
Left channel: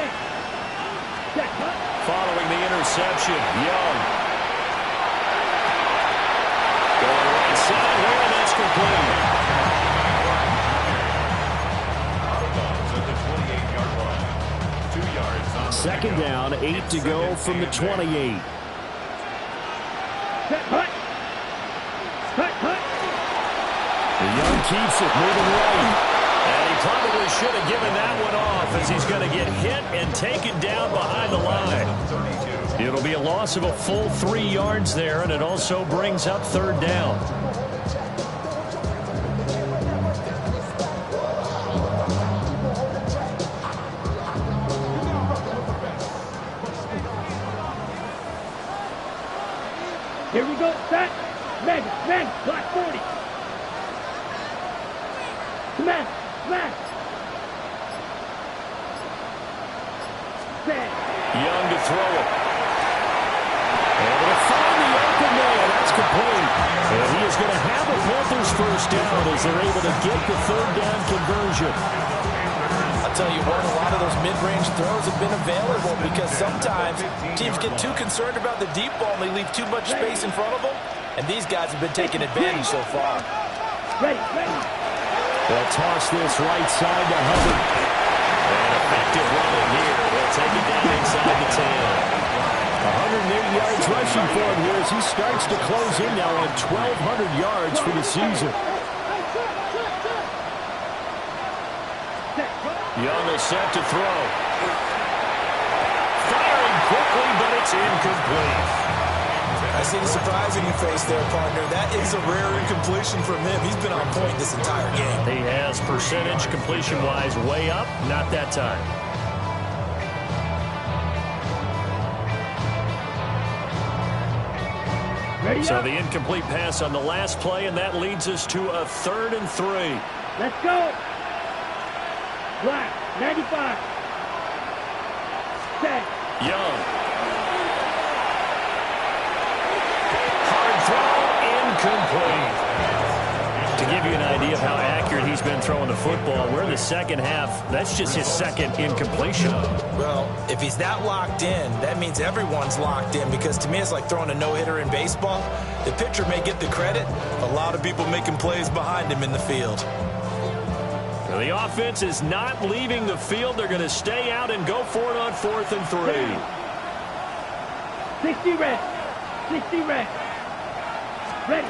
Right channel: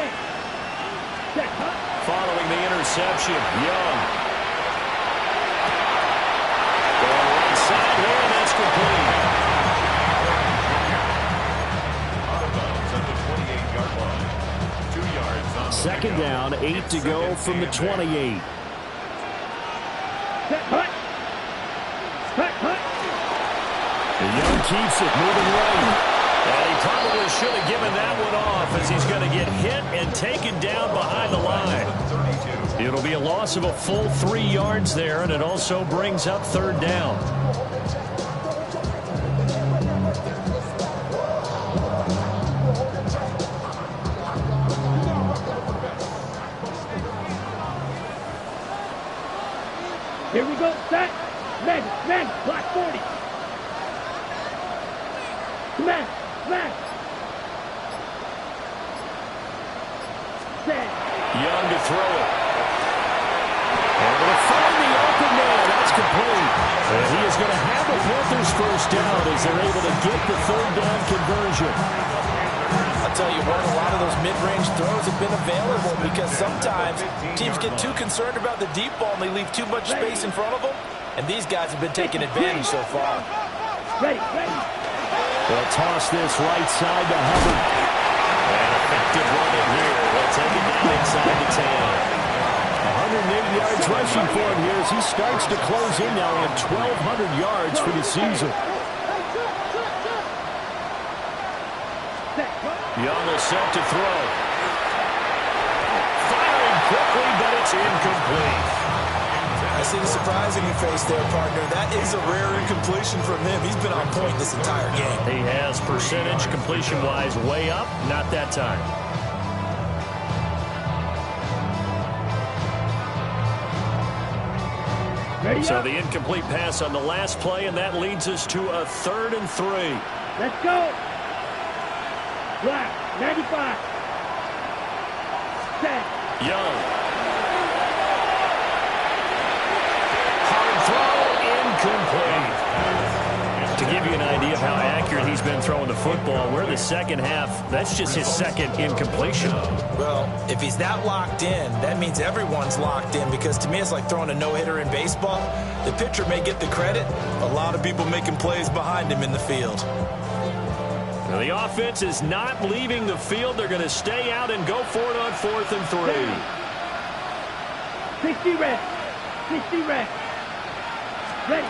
Check, huh? Following the interception, Young. Going right side here, and that's complete. At the 28-yard line. 2 yards on the Second down, 8 to go from the 28. Check, hut. Hut. The Young keeps it, moving right. And he probably should have given that one off, as he's going to get hit and taken down behind the line. It'll be a loss of a full 3 yards there, and it also brings up third down. Here we go. Set. Man, block 40. Smash. Set. Young to throw it. Able to find the open man. That's complete. And he is going to have the Panthers first down as they're able to get the third down conversion. I'll tell you what, a lot of those mid-range throws have been available because sometimes teams get too concerned about the deep ball and they leave too much space in front of them. And these guys have been taking advantage so far. Ready. They'll toss this right side to Hubbard. And effective running here. They'll take it down inside the 10. 108 yards rushing for him here as he starts to close in now on 1,200 yards for the season. Young is set to throw. Firing quickly, but it's incomplete. I see the surprise in your face there, partner. That is a rare incompletion from him. He's been on point this entire game. He has percentage completion-wise way up, not that time. So the incomplete pass on the last play, and that leads us to a 3rd and 3. Let's go. Black, 95. Set. Young. Hard throw, incomplete. To give you an idea of how accurate he's been throwing the football, we're in the second half. That's just his second incompletion. Well, if he's that locked in, that means everyone's locked in, because to me it's like throwing a no-hitter in baseball. The pitcher may get the credit. A lot of people making plays behind him in the field. Now, the offense is not leaving the field. They're going to stay out and go for it on 4th and 3. 60 red. 60 red. Ready.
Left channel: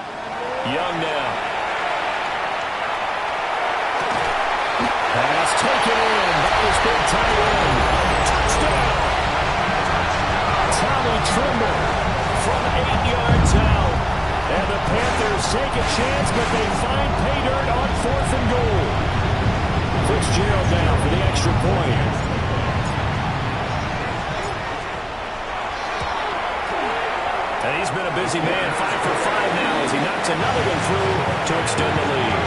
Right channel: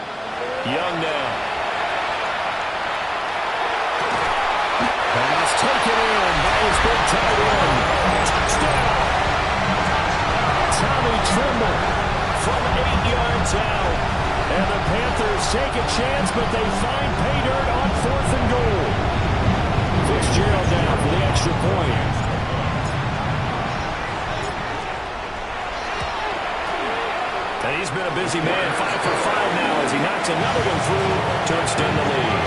Young now. Pass taken in by his big tight end. Touchdown! Tommy Tremble from 8 yards out. And the Panthers take a chance, but they find pay dirt on 4th and goal. Fitzgerald down for the extra point. And he's been a busy man, 5 for 5 now as he knocks another one through to extend the lead.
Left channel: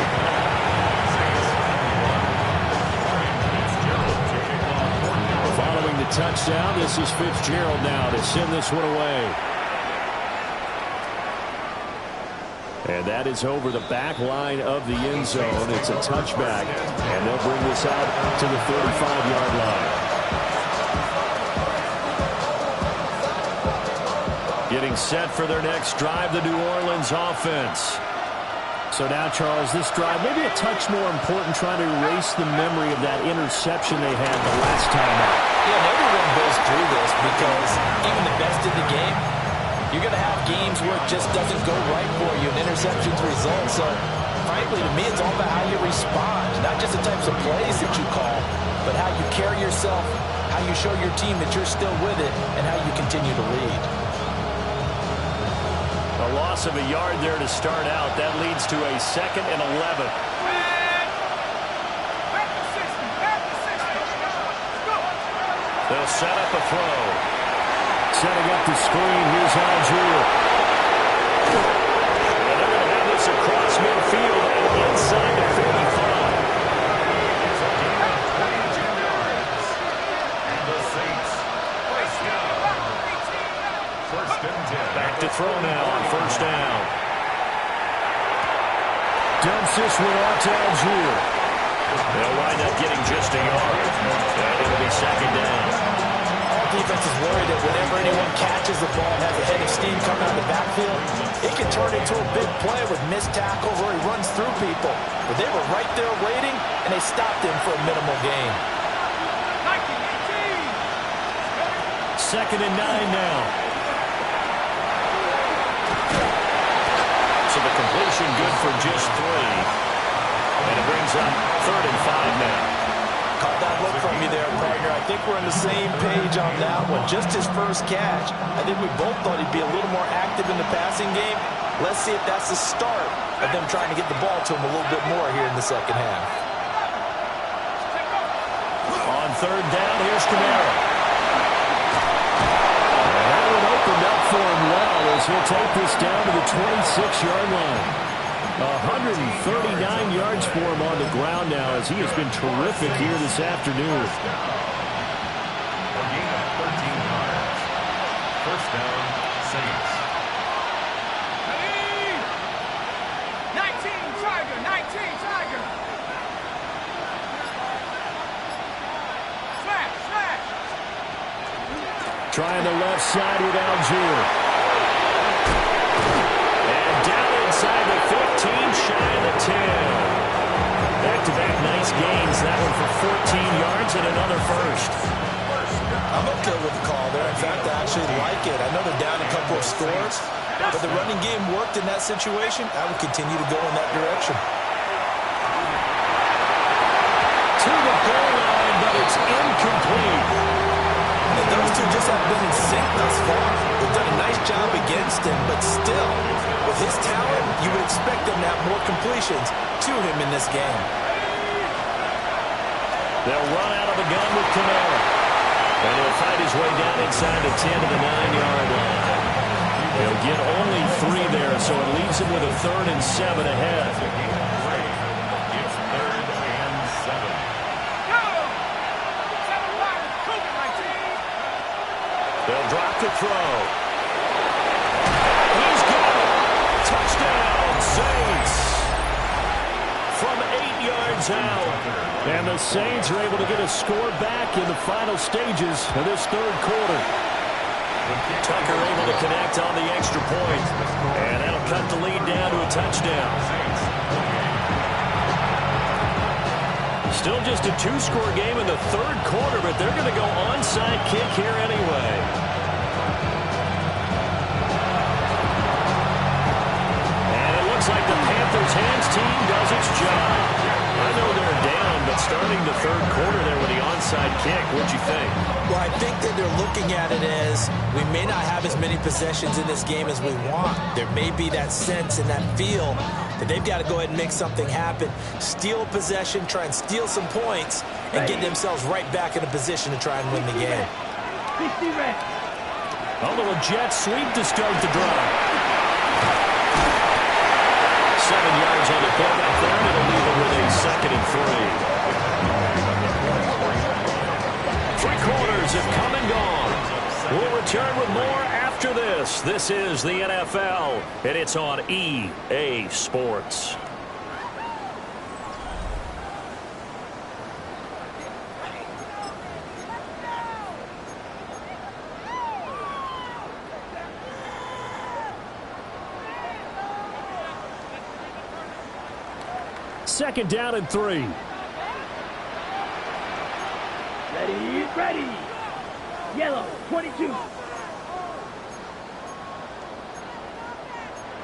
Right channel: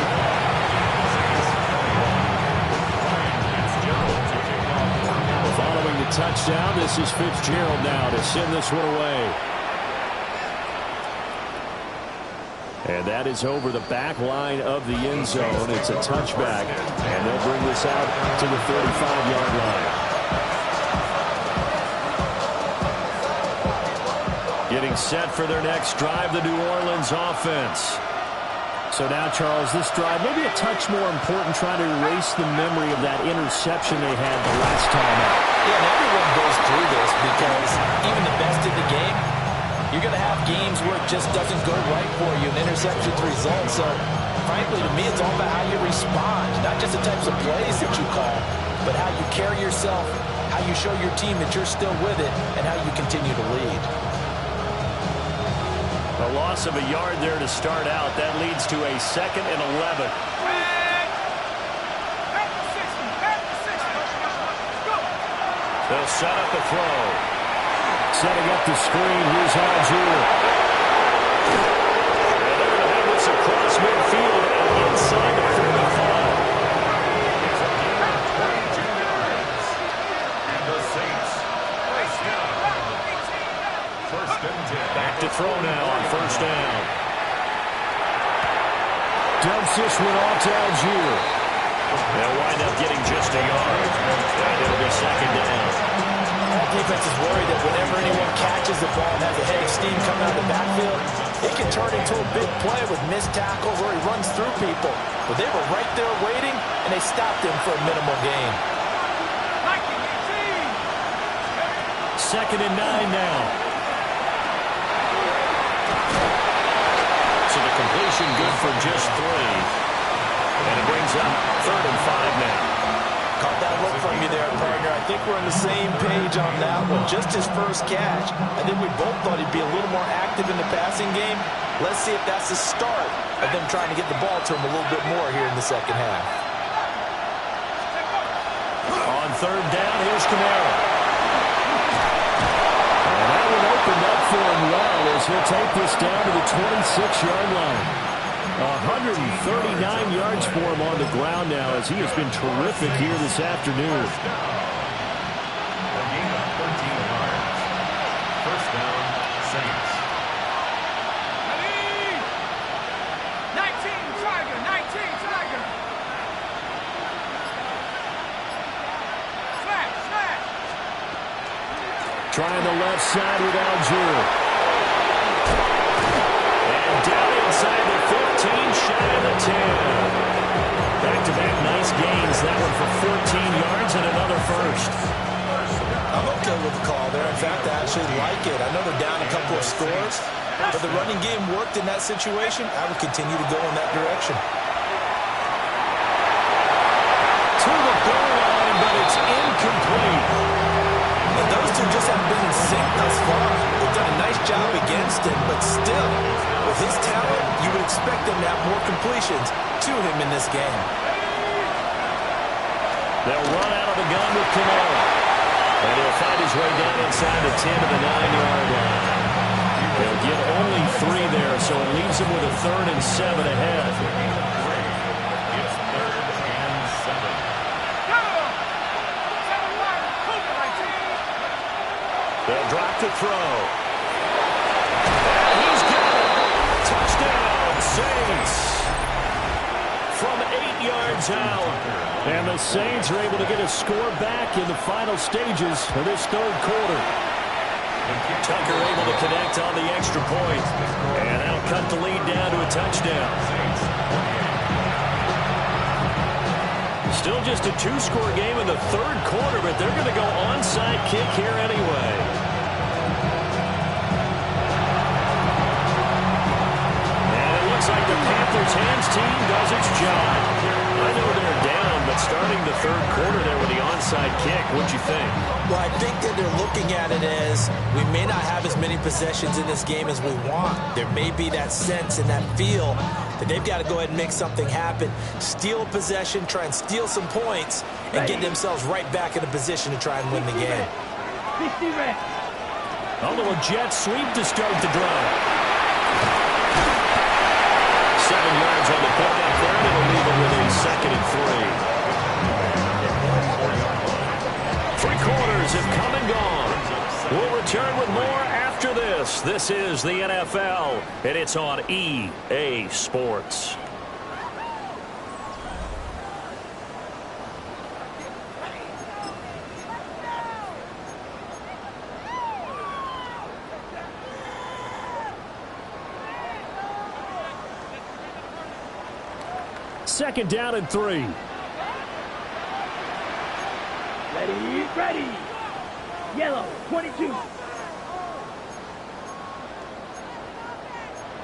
Following the touchdown, this is Fitzgerald now to send this one away. And that is over the back line of the end zone. It's a touchback, and they'll bring this out to the 35-yard line. Getting set for their next drive, the New Orleans offense. So now, Charles, this drive maybe a touch more important, trying to erase the memory of that interception they had the last time out. Yeah, and everyone goes through this because even the best in the game, you're going to have games where it just doesn't go right for you, and interceptions result. So, frankly, to me, it's all about how you respond, not just the types of plays that you call, but how you carry yourself, how you show your team that you're still with it, and how you continue to lead. A loss of a yard there to start out. That leads to a 2nd and 11. They'll set up a throw. Setting up the screen. Here's Algier. And they're going to have this across midfield and inside the 45. It's a gain of 22 yards. And the Saints race down. 1st and 10. Back to throw now on 1st down. Dumps this one off to Algier. They'll wind up getting just a yard. And it'll be 2nd down. All defense is worried that whenever anyone catches the ball and has a head of steam coming out of the backfield, it can turn into a big play with missed tackles where he runs through people. But they were right there waiting, and they stopped him for a minimal gain. 2nd and 9 now. So the completion good for just 3. And it brings up 3rd and 5 now. Caught that look from you there, partner. I think we're on the same page on that one. Just his first catch. I think we both thought he'd be a little more active in the passing game. Let's see if that's the start of them trying to get the ball to him a little bit more here in the second half. On 3rd down, here's Kamara. And that one opened up for him well as he'll take this down to the 26-yard line. 139 yards for him on the ground now as he has been terrific here this afternoon. A gain of 13 yards. 1st down, Saints. 19 Tiger, 19 Tiger. Slash. Trying the left side with Algier. And down inside the 15, shy of the 10. Back-to-back nice gains. That one for 14 yards and another first. I'm okay with the call there. In fact, I actually like it. I know they're down a couple of scores, but the running game worked in that situation. I would continue to go in that direction. To the goal line, but it's incomplete. And those two just haven't been in sync thus far. They've done a nice job against him, but still, with his talent, you would expect them to have more completions to him in this game. They'll run out of the gun with Kamara. And he'll find his way down inside the 10 to the 9-yard line. He'll get only 3 there, so it leaves him with a 3rd and 7 ahead. It's 3rd and 7. They'll drop to throw. And he's got it. Touchdown, Saints. From 8 yards out. And the Saints are able to get a score back in the final stages of this 3rd quarter. Tucker able to connect on the extra point. And that'll cut the lead down to a touchdown. Still just a 2-score game in the 3rd quarter, but they're going to go onside kick here anyway. Looks like the Panthers hands team does its job. I know they're down, but starting the 3rd quarter there with the onside kick, what'd you think? Well, I think that they're looking at it as we may not have as many possessions in this game as we want. There may be that sense and that feel that they've got to go ahead and make something happen. Steal a possession, try and steal some points, and get themselves right back in a position to try and win the game. 60 red. A little jet sweep to start the drive. 7 yards on the pickup there, and it'll leave them with a 2nd and 3. 3 quarters have come and gone. We'll return with more after this. This is the NFL, and it's on EA Sports. Second down and 3. Ready. Yellow, 22.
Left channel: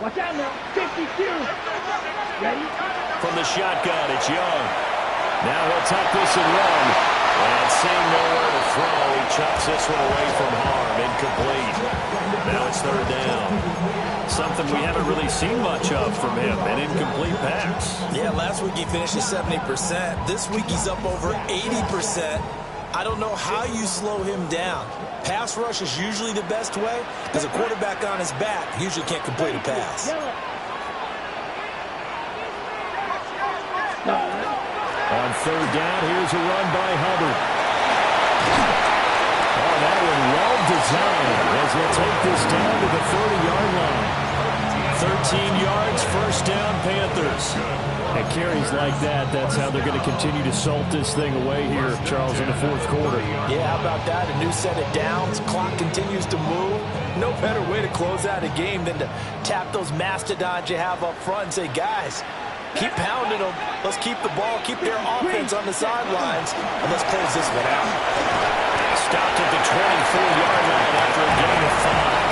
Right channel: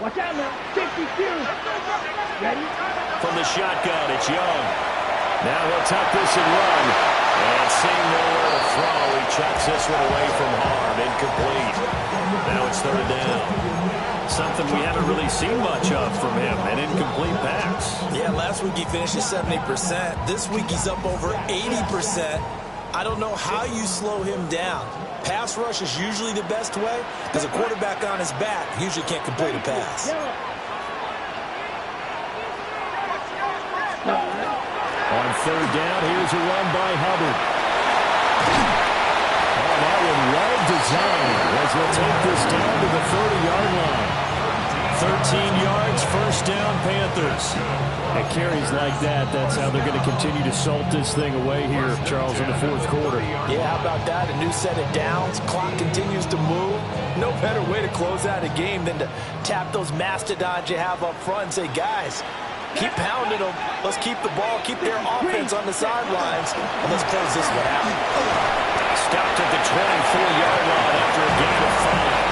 Watch out now. 50 Fury. Ready? From the shotgun, it's Young. Now he'll tuck this and run. And seeing nowhere to throw, he chucks this one away from harm. Incomplete. Now it's 3rd down. Something we haven't really seen much of from him, an incomplete pass. Yeah, last week he finished at 70%. This week he's up over 80%. I don't know how you slow him down. Pass rush is usually the best way because a quarterback on his back usually can't complete a pass. On 3rd down, here's a run by Hubbard. Oh, that one well designed as they'll take this down to the 30-yard line. 13 yards, 1st down, Panthers. At carries like that, that's how they're going to continue to salt this thing away here, Charles, in the 4th quarter. Yeah, how about that? A new set of downs. Clock continues to move. No better way to close out a game than to tap those mastodons you have up front and say, guys, keep pounding them. Let's keep the ball, keep their offense on the sidelines, and let's close this one out. Stopped at the 24-yard line after a gain of 5.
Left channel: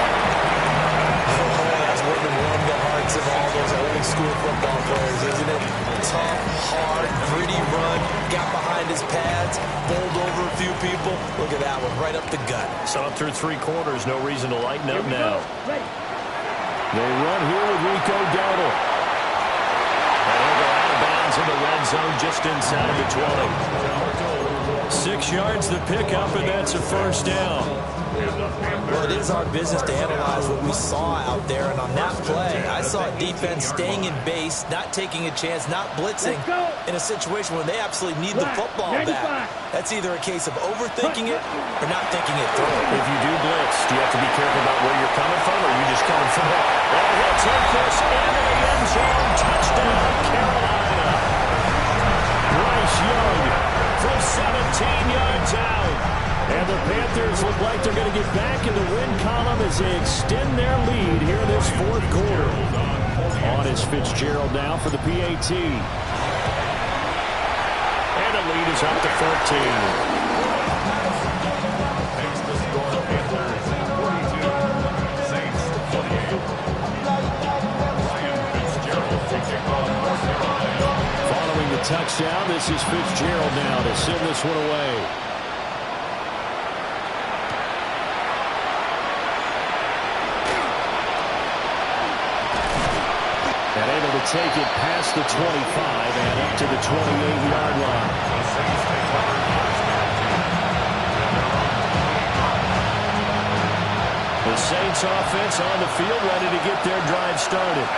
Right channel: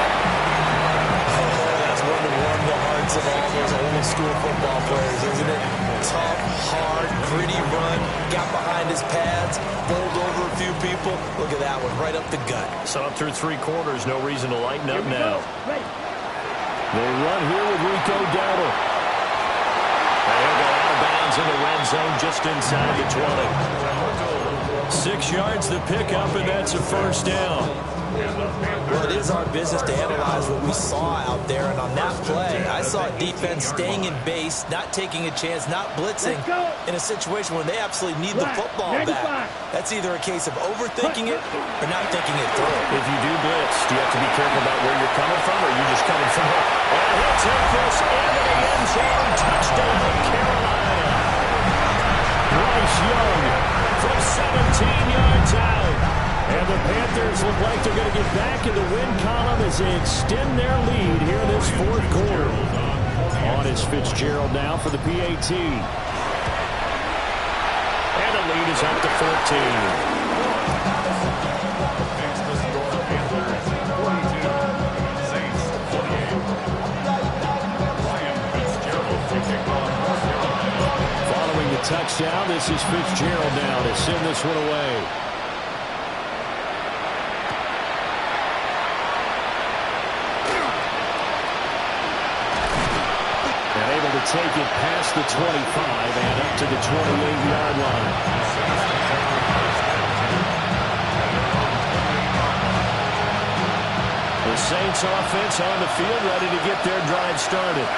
Oh, that's one to warm the hearts of all those old-school football players, isn't it? Tough, hard, gritty run, got behind his pads, bowled over a few people. Look at that one, right up the gut. So up through 3 quarters, no reason to lighten up now. Ready. They run here with Rico Dowdle. And he'll go out of bounds in the red zone just inside the 20. 6 yards the pickup, and that's a 1st down. Well, it is our business to analyze what we saw out there, and on that play, I saw a defense staying in base, not taking a chance, not blitzing in a situation where they absolutely need the football back. That's either a case of overthinking it or not thinking it through. If you do blitz, do you have to be careful about where you're coming from, or are you just coming from home? And he'll take this into the end zone. Touchdown, Carolina. Bryce Young from 17 yards out. And the Panthers look like they're going to get back in the win column as they extend their lead here in this 4th quarter. On is Fitzgerald now for the PAT. the lead is up to 14. Makes the score Panthers 42, Saints 28. Ryan Fitzgerald to kick off North Carolina. Following the touchdown, this is Fitzgerald now to send this one away. And able to take it past the 25 and up to the 28-yard line. The Saints take over first and 10. And their own 28-yard line. The Saints offense on the field ready to get their drive started.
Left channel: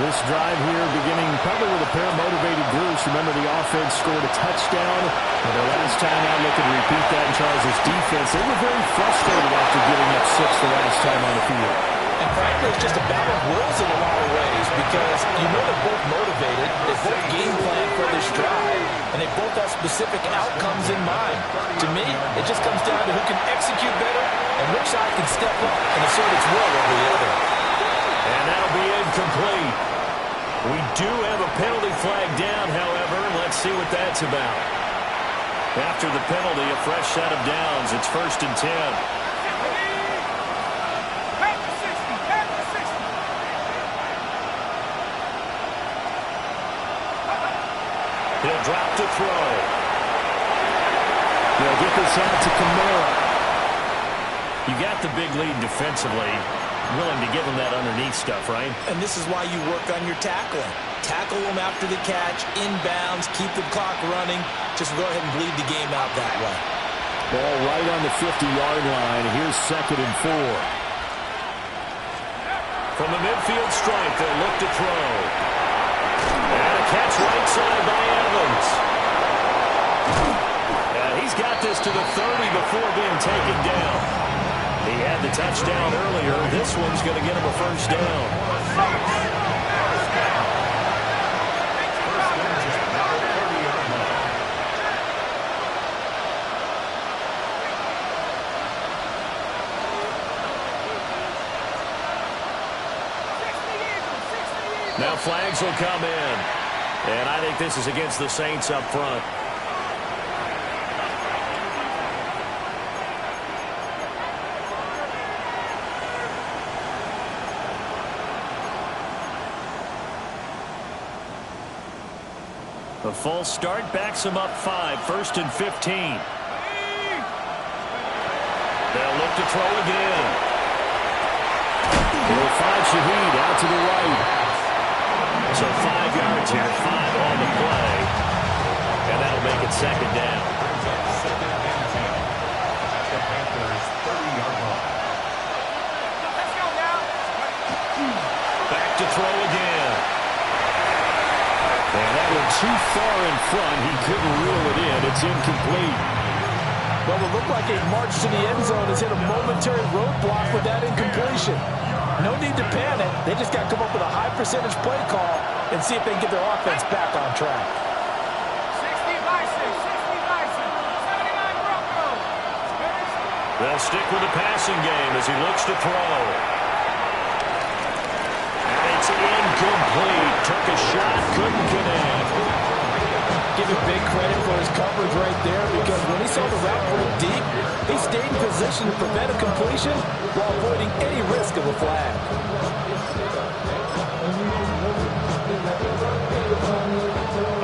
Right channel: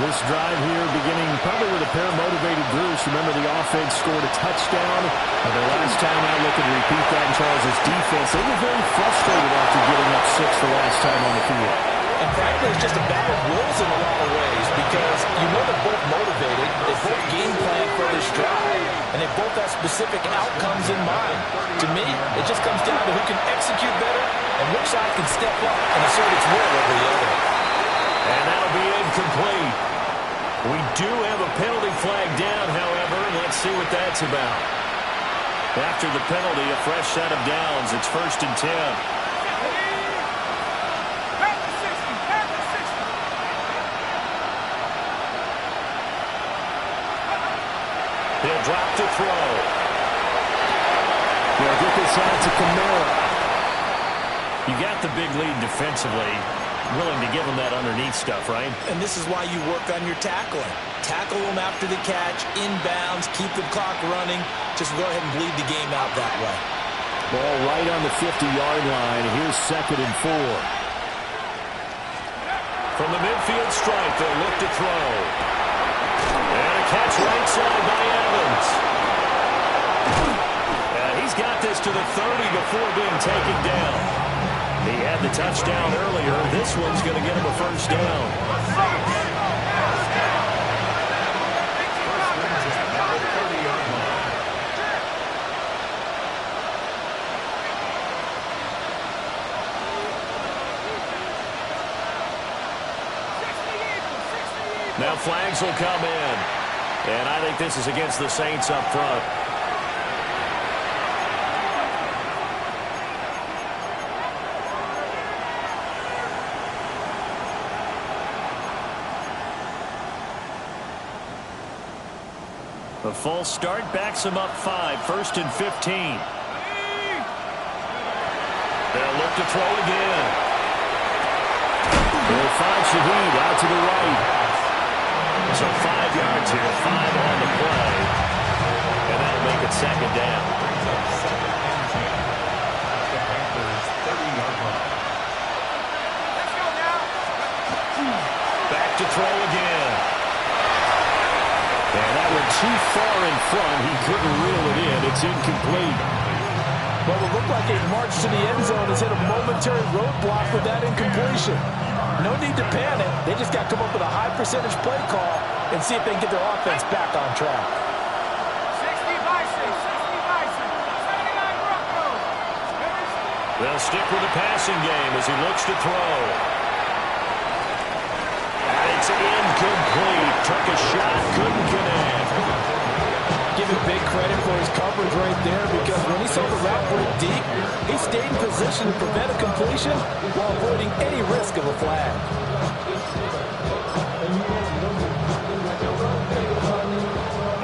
This drive here beginning probably with a pair of motivated groups. Remember, the offense scored a touchdown. And their last time out looking to repeat that in Charles' defense. They were very frustrated after giving up 6 the last time on the field. And frankly, it's just a battle of wills in a lot of ways because you know they're both motivated. They both game plan for this drive, and they both have specific outcomes in mind. To me, it just comes down to who can execute better and which side can step up and assert its will over the other. And that'll be incomplete. We do have a penalty flag down, however, and let's see what that's about. After the penalty, a fresh set of downs. It's 1st and 10. He'll drop to throw. They'll get this out to Kamara. You got the big lead defensively. Willing to give him that underneath stuff, right? And this is why you work on your tackling. Tackle them after the catch, inbounds, keep the clock running. Just go ahead and bleed the game out that way. Ball right on the 50-yard line. Here's 2nd and 4. From the midfield stripe, they'll look to throw. And a catch right side by Evans. And he's got this to the 30 before being taken down. He had the touchdown earlier. This one's going to get him a first down. First down. First and 10 at the 30-yard line. Now flags will come in. And I think this is against the Saints up front. The false start backs him up 5. 1st and 15. They'll look to throw again. He'll find Shaheed out to the right. So 5 yards here, 5 on the play. And that'll make it 2nd down. Brings up 2nd and 10 at the Panthers' 30-yard line. Let's go now. Back to throw again. And that went too far in front. He couldn't reel it in. It's incomplete. Well, it looked like a march to the end zone has hit a momentary roadblock with that incompletion. No need to panic. They just got to come up with a high percentage play call and see if they can get their offense back on track. 60 Bison, 60 Bison, 79 Broncos. They'll stick with the passing game as he looks to throw. And it's incomplete. Took a shot, couldn't connect. Give him big credit for his coverage right there because when he saw the route break deep, he stayed in position to prevent a completion while avoiding any risk of a flag.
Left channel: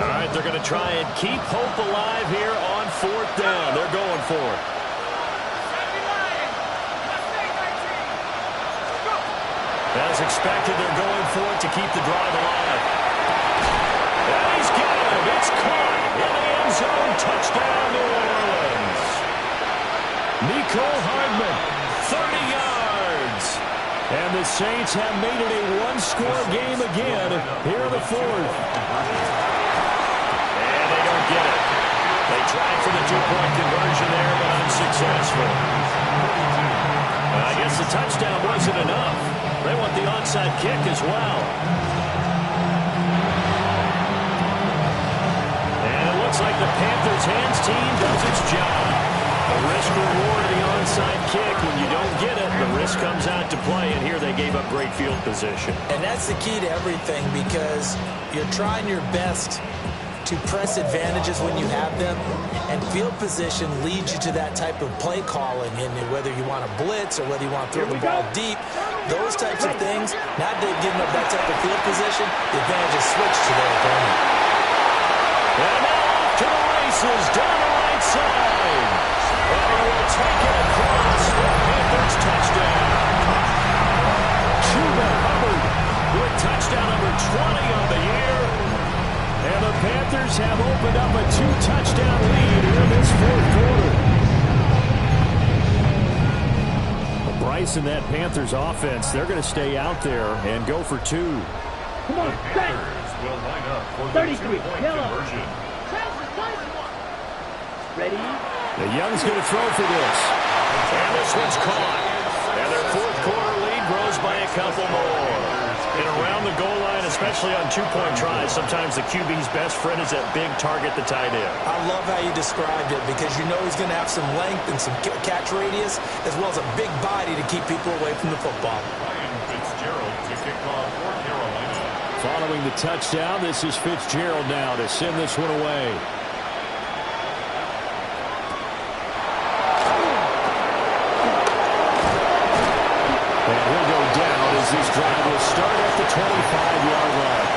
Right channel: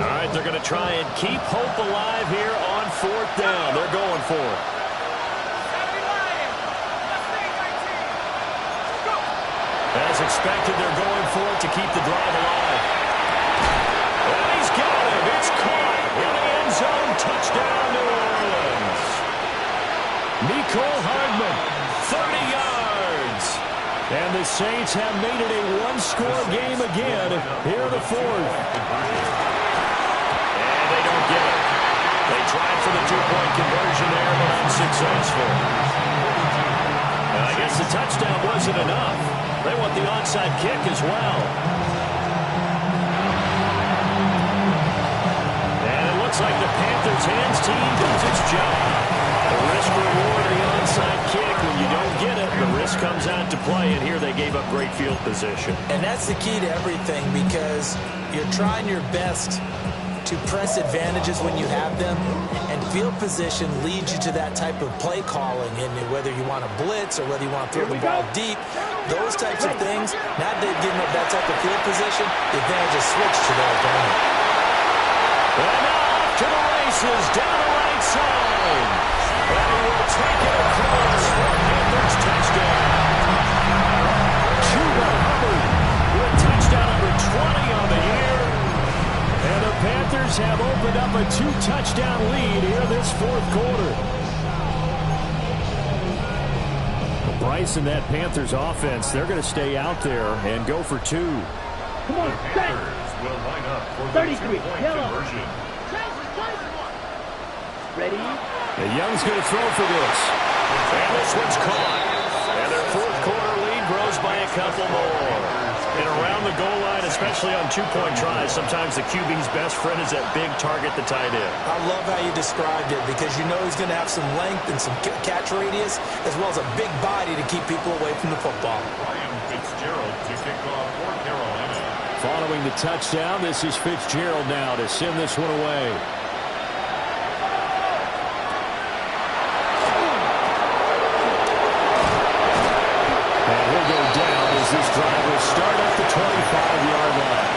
All right, they're going to try and keep hope alive here on 4th down. They're going for it. As expected, they're going for it to keep the drive alive. And he's got him. It's caught in the end zone. Touchdown, New Orleans. Nicole Hardman, 30 yards. and the Saints have made it a one-score game again here in the 4th. And they don't get it. They tried for the two-point conversion there, but unsuccessful. And I guess the touchdown wasn't enough. They want the onside kick as well. And it looks like the Panthers' hands team does its job. The risk-reward of the onside kick. When you don't get it, the risk comes out to play, and here they gave up great field position. And that's the key to everything because you're trying your best to press advantages when you have them, and field position leads you to that type of play calling, and whether you want to blitz or whether you want to throw the ball deep, those types of things, now that they've given up that type of field position, the advantage is switched to their opponent. And now off to the races, down the right side. And he will take it across for a Panthers touchdown. Chuba Hubbard with touchdown number 20 on the year. And the Panthers have opened up a 2-touchdown lead here in this fourth quarter. Well, Bryce and that Panthers offense, they're going to stay out there and go for 2. Come on, The Panthers will line up for the 33, two-point yellow. conversion. Ready? The Young's going to throw for this. And this one's caught. And their fourth quarter lead grows by a couple more. And around the goal line, especially on 2-point tries, sometimes the QB's best friend is that big target, the tight end. I love how you described it because you know he's going to have some length and some catch radius as well as a big body to keep people away from the football. Ryan Fitzgerald to kick off for Carolina. Following the touchdown, this is Fitzgerald now to send this one away. And he'll go down as this drive will start at the 25-yard line.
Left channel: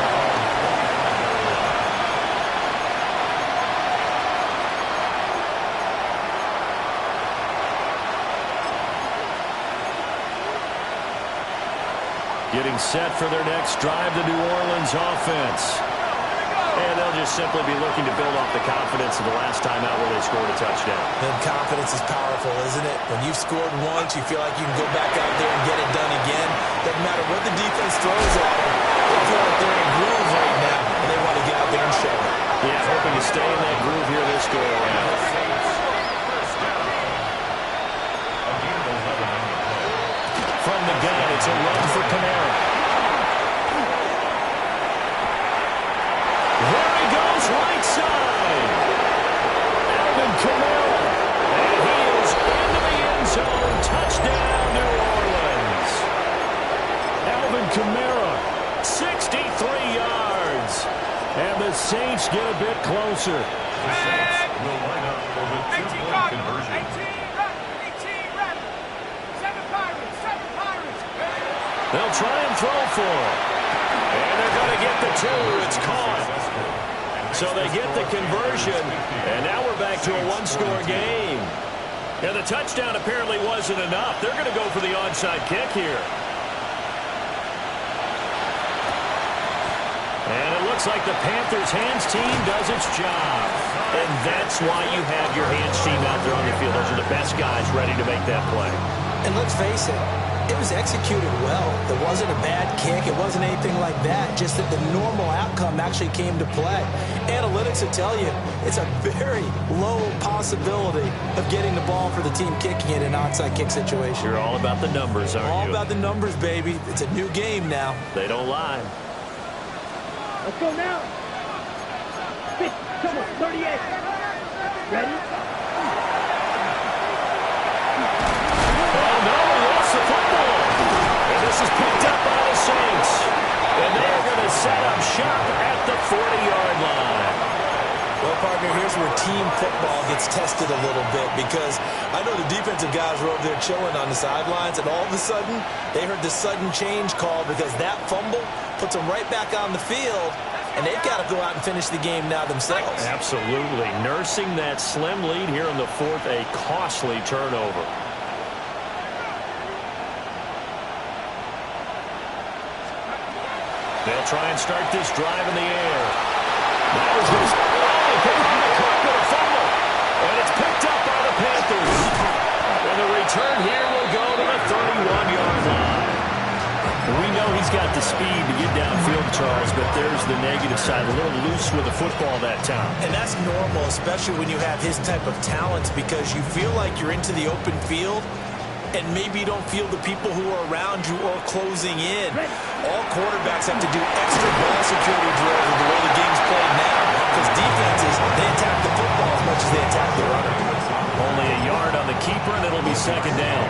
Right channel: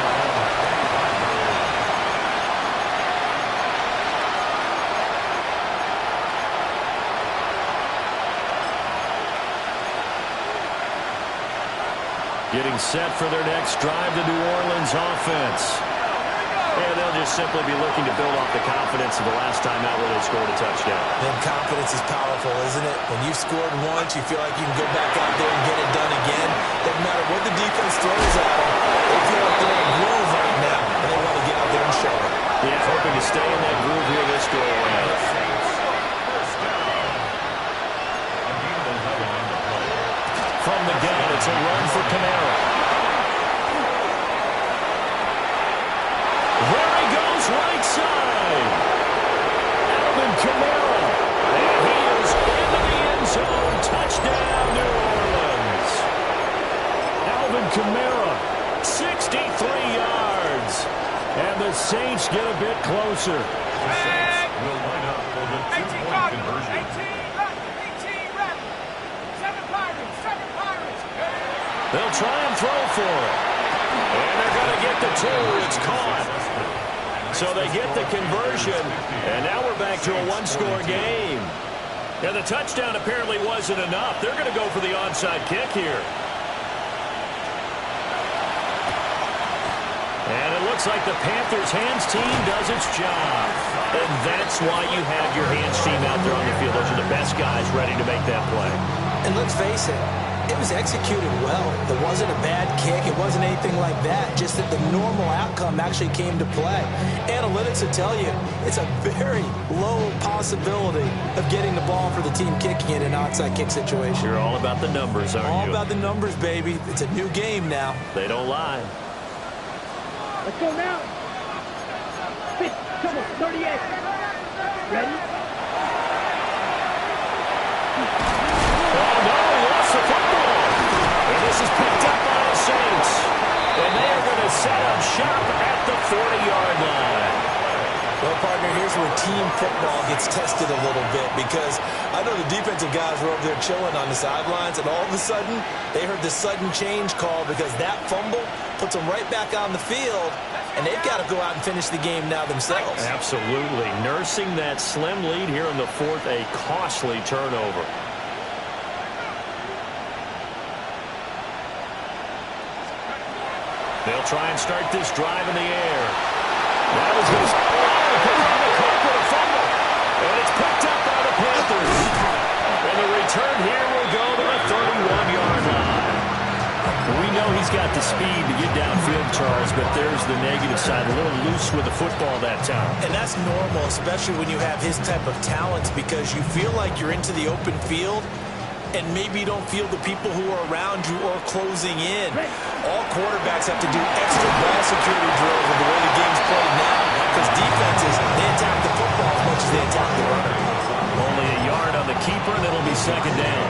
Getting set for their next drive, the New Orleans offense. And they'll just simply be looking to build off the confidence of the last time out where they scored a touchdown. And confidence is powerful, isn't it? When you've scored once, you feel like you can go back out there and get it done again. Doesn't matter what the defense throws at them. They feel like they're in a groove right now, and they want to get out there and show it. Yeah, hoping to stay in that groove here this go around. First down. A gain of 11 on the play. From the gun, it's a run for Kamara. There he goes, right side. Alvin Kamara. And he is into the end zone. Touchdown, New Orleans. Alvin Kamara, 63 yards. And the Saints get a bit closer. The Saints will line up for the two-point conversion. 18 Rebels, 7 Pirates, 7 Pirates. They'll try and throw for it. And they're going to get the 2. It's caught. So they get the conversion. And now we're back to a one-score game. And the touchdown apparently wasn't enough. They're going to go for the onside kick here. And it looks like the Panthers' hands team does its job. And that's why you have your hands team out there on the field. Those are the best guys ready to make that play. And let's face it, it was executed well. It wasn't a bad kick. It wasn't anything like that. Just that the normal outcome actually came to play. Analytics will tell you it's a very low possibility of getting the ball for the team kicking it in an onside kick situation. You're all about the numbers, aren't you? All about the numbers, baby. It's a new game now. They don't lie. Let's go now. 50, come on, 38. Ready? Oh, no, he lost the football. And this is picked up by the Saints. And they are going to set up shop at the 40-yard line. Well, partner, here's where team football gets tested a little bit because I know the defensive guys were over there chilling on the sidelines, and all of a sudden, they heard the sudden change call because that fumble puts them right back on the field, and they've got to go out and finish the game now themselves. Absolutely. Nursing that slim lead here in the fourth, a costly turnover. They'll try and start this drive in the air. That was going to... Oh, he put it on the carpet, a fumble. And it's picked up by the Panthers. And the return here will go to the 31-yard line. We know he's got the speed to get downfield, Charles, but there's the negative side. A little loose with the football that time. And that's normal, especially when you have his type of talents, because you feel like you're into the open field, and maybe you don't feel the people who are around you or closing in. All quarterbacks have to do extra ball security drills with the way the game's played now, because defenses, they attack the football as much as they attack the runner. Only a yard on the keeper, and it'll be second down.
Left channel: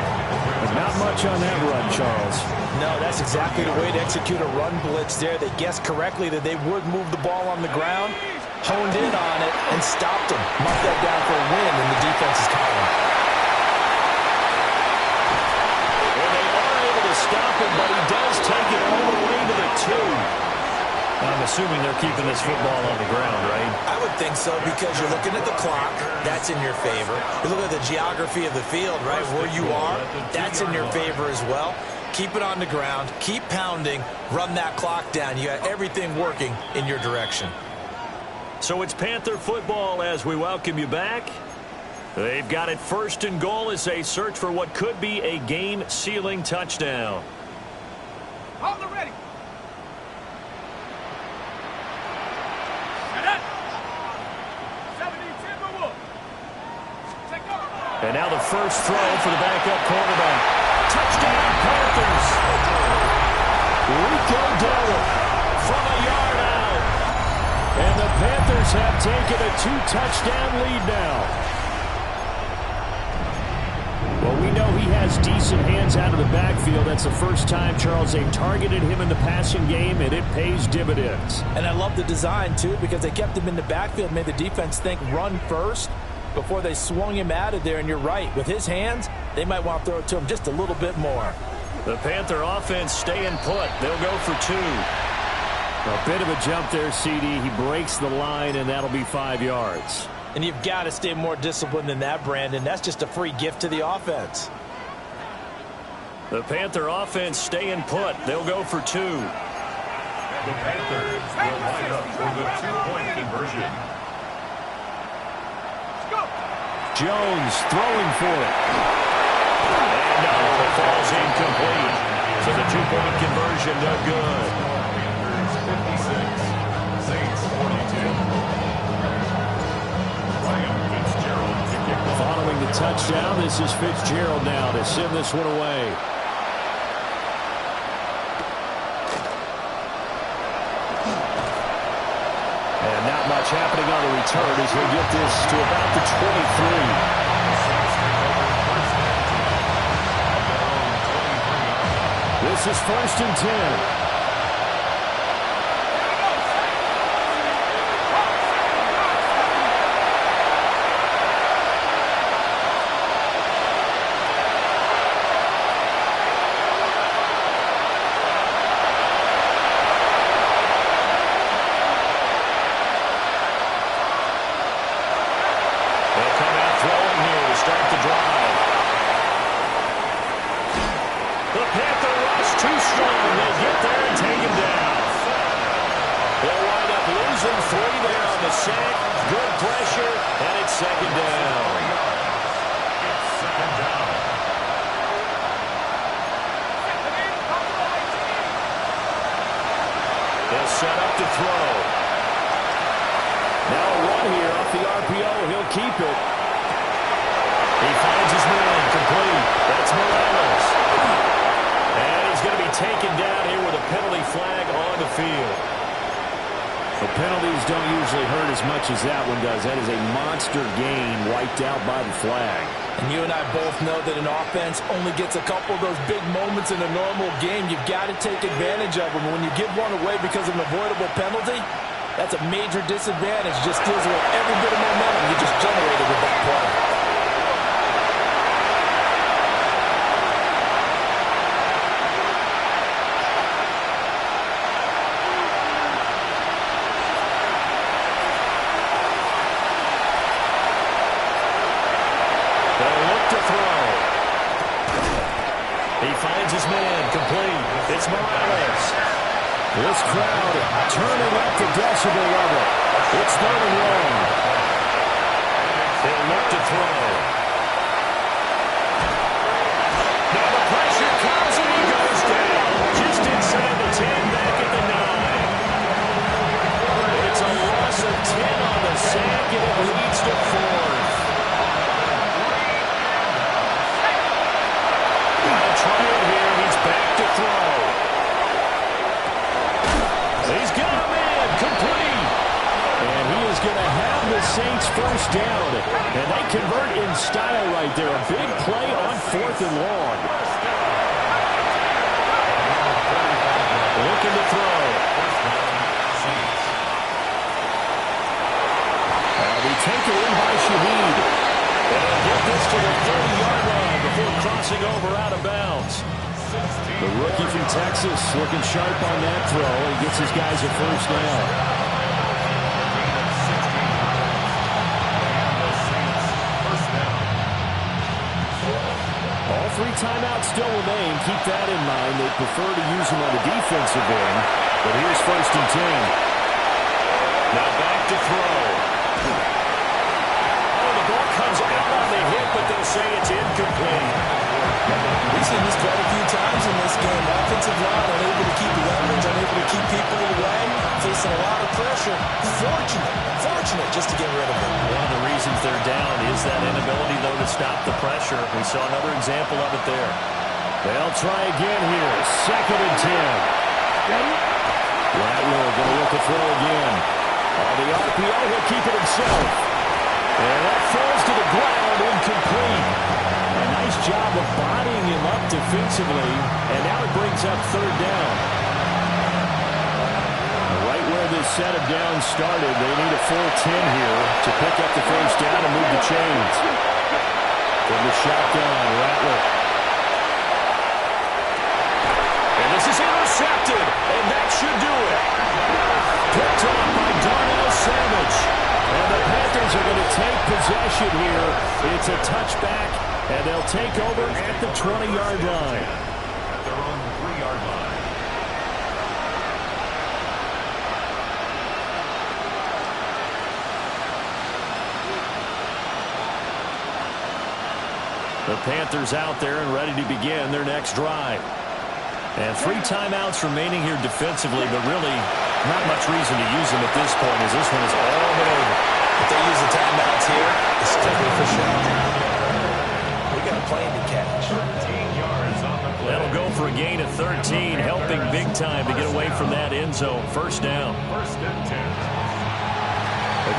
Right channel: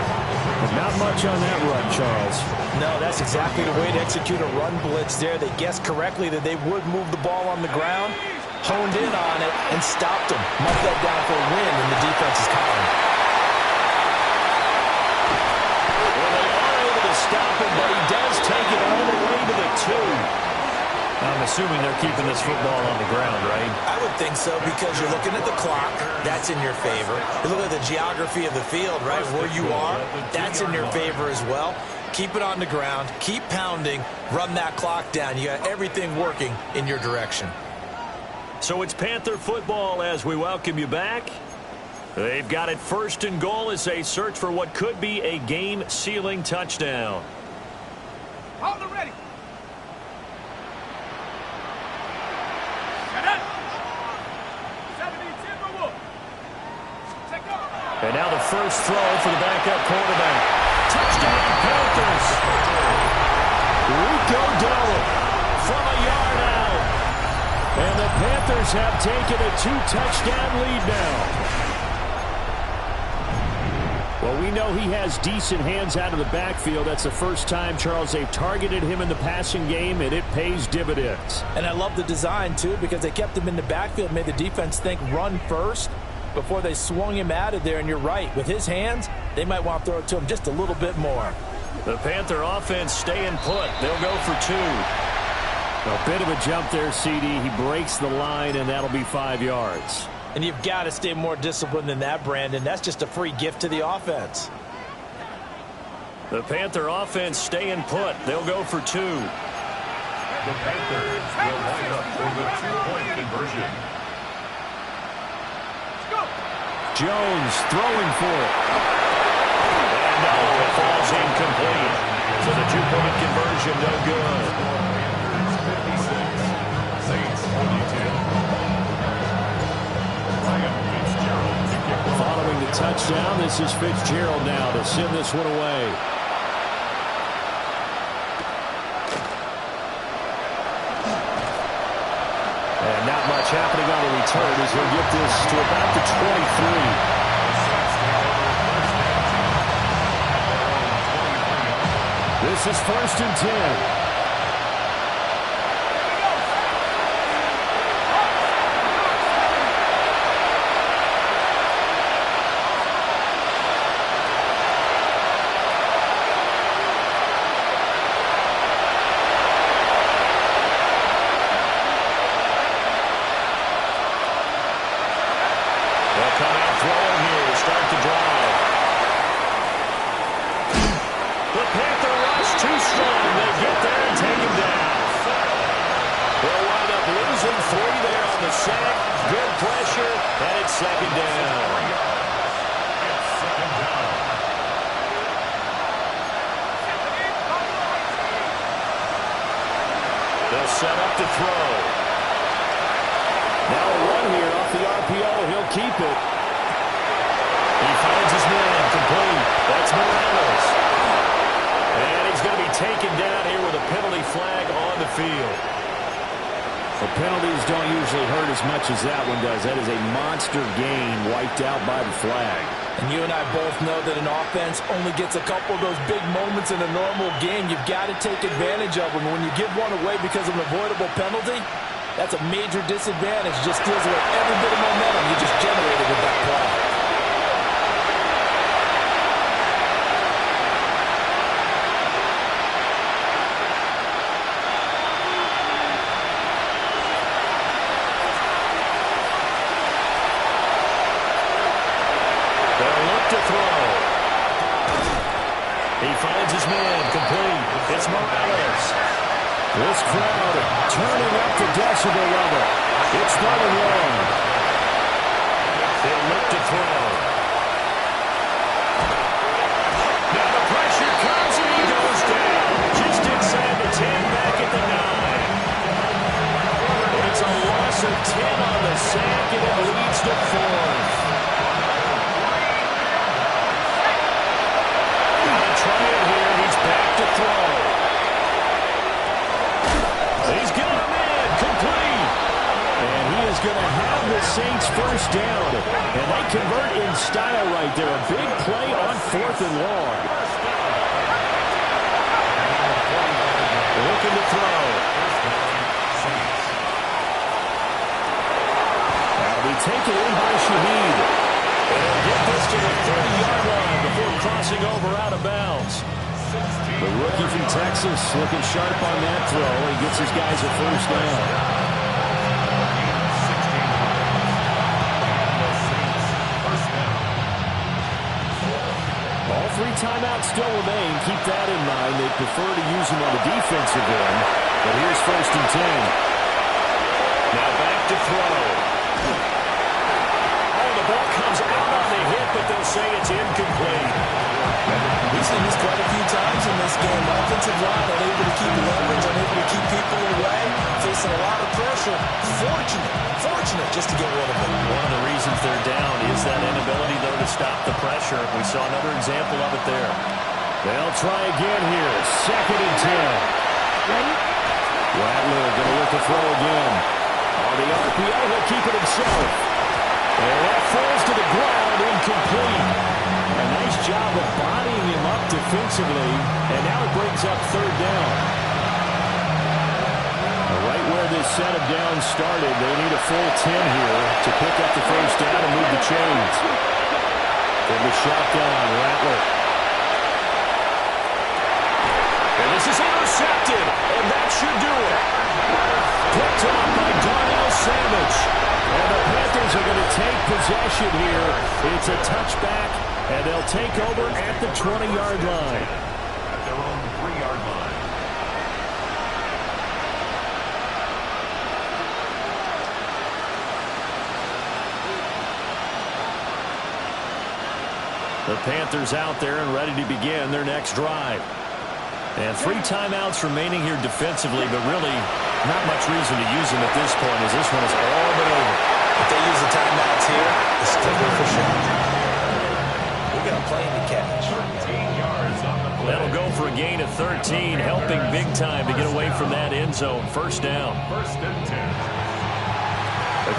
But not much on that run, Charles. No, that's exactly the way to execute a run blitz there. They guessed correctly that they would move the ball on the ground. honed in on it and stopped him. Mark that down for a win in the defense's column. Well, they are able to stop him, but he does take it all the way to the 2. I'm assuming they're keeping this football on the ground, right? I would think so, because you're looking at the clock. That's in your favor. You look at the geography of the field, right, where you are. That's in your favor as well. Keep it on the ground. Keep pounding. Run that clock down. You got everything working in your direction. So it's Panther football as we welcome you back. They've got it 1st and goal as they search for what could be a game-sealing touchdown. Hold it ready. And now the first throw for the backup quarterback. Touchdown, Panthers. Rico Dowell from a yard out. And the Panthers have taken a 2-touchdown lead now. Well, we know he has decent hands out of the backfield. That's the first time, Charles, they've targeted him in the passing game, and it pays dividends. And I love the design, too, because they kept him in the backfield, made the defense think run first before they swung him out of there. And you're right, with his hands, they might want to throw it to him just a little bit more. The Panther offense staying put. They'll go for 2. A bit of a jump there, CD. He breaks the line, and that'll be 5 yards. And you've got to stay more disciplined than that, Brandon. That's just a free gift to the offense. The Panther offense staying put. They'll go for 2. The Panthers will line up for the 2-point conversion. Jones throwing for it. And no, it falls incomplete. So the 2-point conversion no good. Panthers 56, Saints 42. Following the touchdown, this is Fitzgerald now to send this one away. And not much happening on the return as he'll get this to about the 23. This is 1st and 10. They'll come out throwing here to start the drive. The Panther rush too strong. They get there and take him down. They'll wind up losing 3 there on the sack. Good pressure, and it's 2nd down. It's 2nd down. They'll set up to throw. Now a run here off the RPO. He'll keep it. He finds his man complete. That's Morales. And he's going to be taken down here with a penalty flag on the field. The penalties don't usually hurt as much as that one does. That is a monster gain wiped out by the flag. And you and I both know that an offense only gets a couple of those big moments in a normal game. You've got to take advantage of them. When you give one away because of an avoidable penalty, that's a major disadvantage. Just deals with every bit of momentum you just generated with that play. They'll look to throw. He finds his man complete. It's Morales. This crowd turning up the decibel level. It's 3rd and long. They'll look to throw. Now the pressure comes and he goes down. Just inside the 10, back at the 9. It's a loss of 10 on the sack, and it leads to 4th. Gotta try it here. He's back to throw. He's got a man complete. And he is going to have the Saints first down. And they convert in style right there. A big play on 4th and long. Looking to throw. taken in by Shaheed. And he'll get this to the 30-yard line before crossing over out of bounds. The rookie from Texas looking sharp on that throw. He gets his guys a first down. All 3 timeouts still remain. Keep that in mind. They prefer to use them on the defensive end. But here's 1st and 10. Now back to throw. Oh, the ball comes out on the hit, but they'll say it's incomplete. We've seen this quite a few times in this game. Offensive line unable to keep leverage, unable to keep people away, facing a lot of pressure. Fortunate just to get rid of it. One of the reasons they're down is that inability, though, to stop the pressure. We saw another example of it there. They'll try again here. 2nd and 10. Ready? Rattler going to look to throw again. On the RPO, he'll keep it himself. And that falls to the ground, incomplete. A nice job of bodying him up defensively, and now it brings up 3rd down. Right where this set of downs started, they need a full 10 here to pick up the first down and move the chains. From the shotgun, Rattler. And this is intercepted, and that should do it. Picked off by Darnell Savage. And the Panthers are going to take possession here. It's a touchback, and they'll take over at the 20-yard line. At their own 3-yard line. The Panthers out there and ready to begin their next drive. And 3 timeouts remaining here defensively, but really not much reason to use them at this point as this one is all but over. If they use the timeouts here, it's strictly for show. We got a plane to catch. 13 yards on the play. That'll go for a gain of 13, helping big time to get away from that end zone. First down. 1st and 10.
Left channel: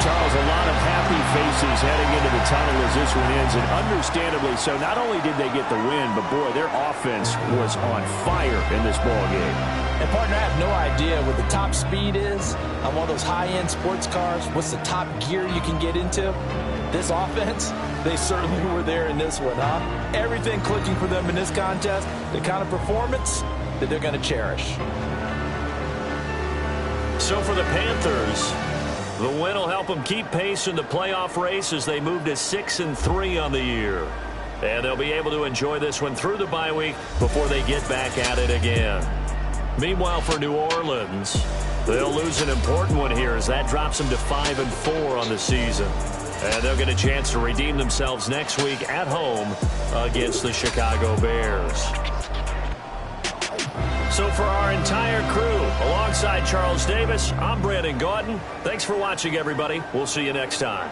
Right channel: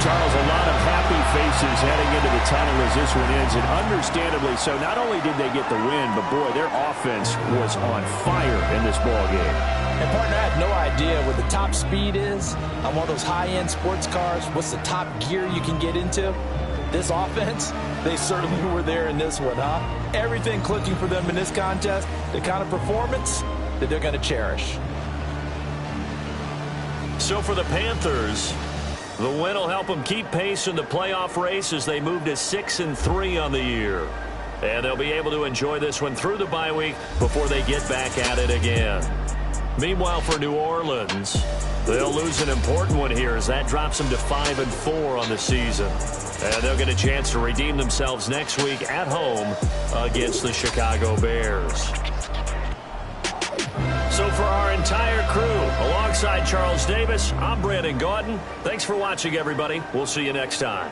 Charles, a lot of happy faces heading into the tunnel as this one ends, and understandably so. Not only did they get the win, but boy, their offense was on fire in this ball game. And partner, I have no idea what the top speed is on one of those high-end sports cars. What's the top gear you can get into? This offense, they certainly were there in this one, huh? Everything clicking for them in this contest, the kind of performance that they're going to cherish. So for the Panthers, the win will help them keep pace in the playoff race as they move to 6-3 on the year. And they'll be able to enjoy this one through the bye week before they get back at it again. Meanwhile, for New Orleans, they'll lose an important one here as that drops them to 5-4 on the season. And they'll get a chance to redeem themselves next week at home against the Chicago Bears. So for our entire crew, alongside Charles Davis, I'm Brandon Gaudin. Thanks for watching, everybody. We'll see you next time.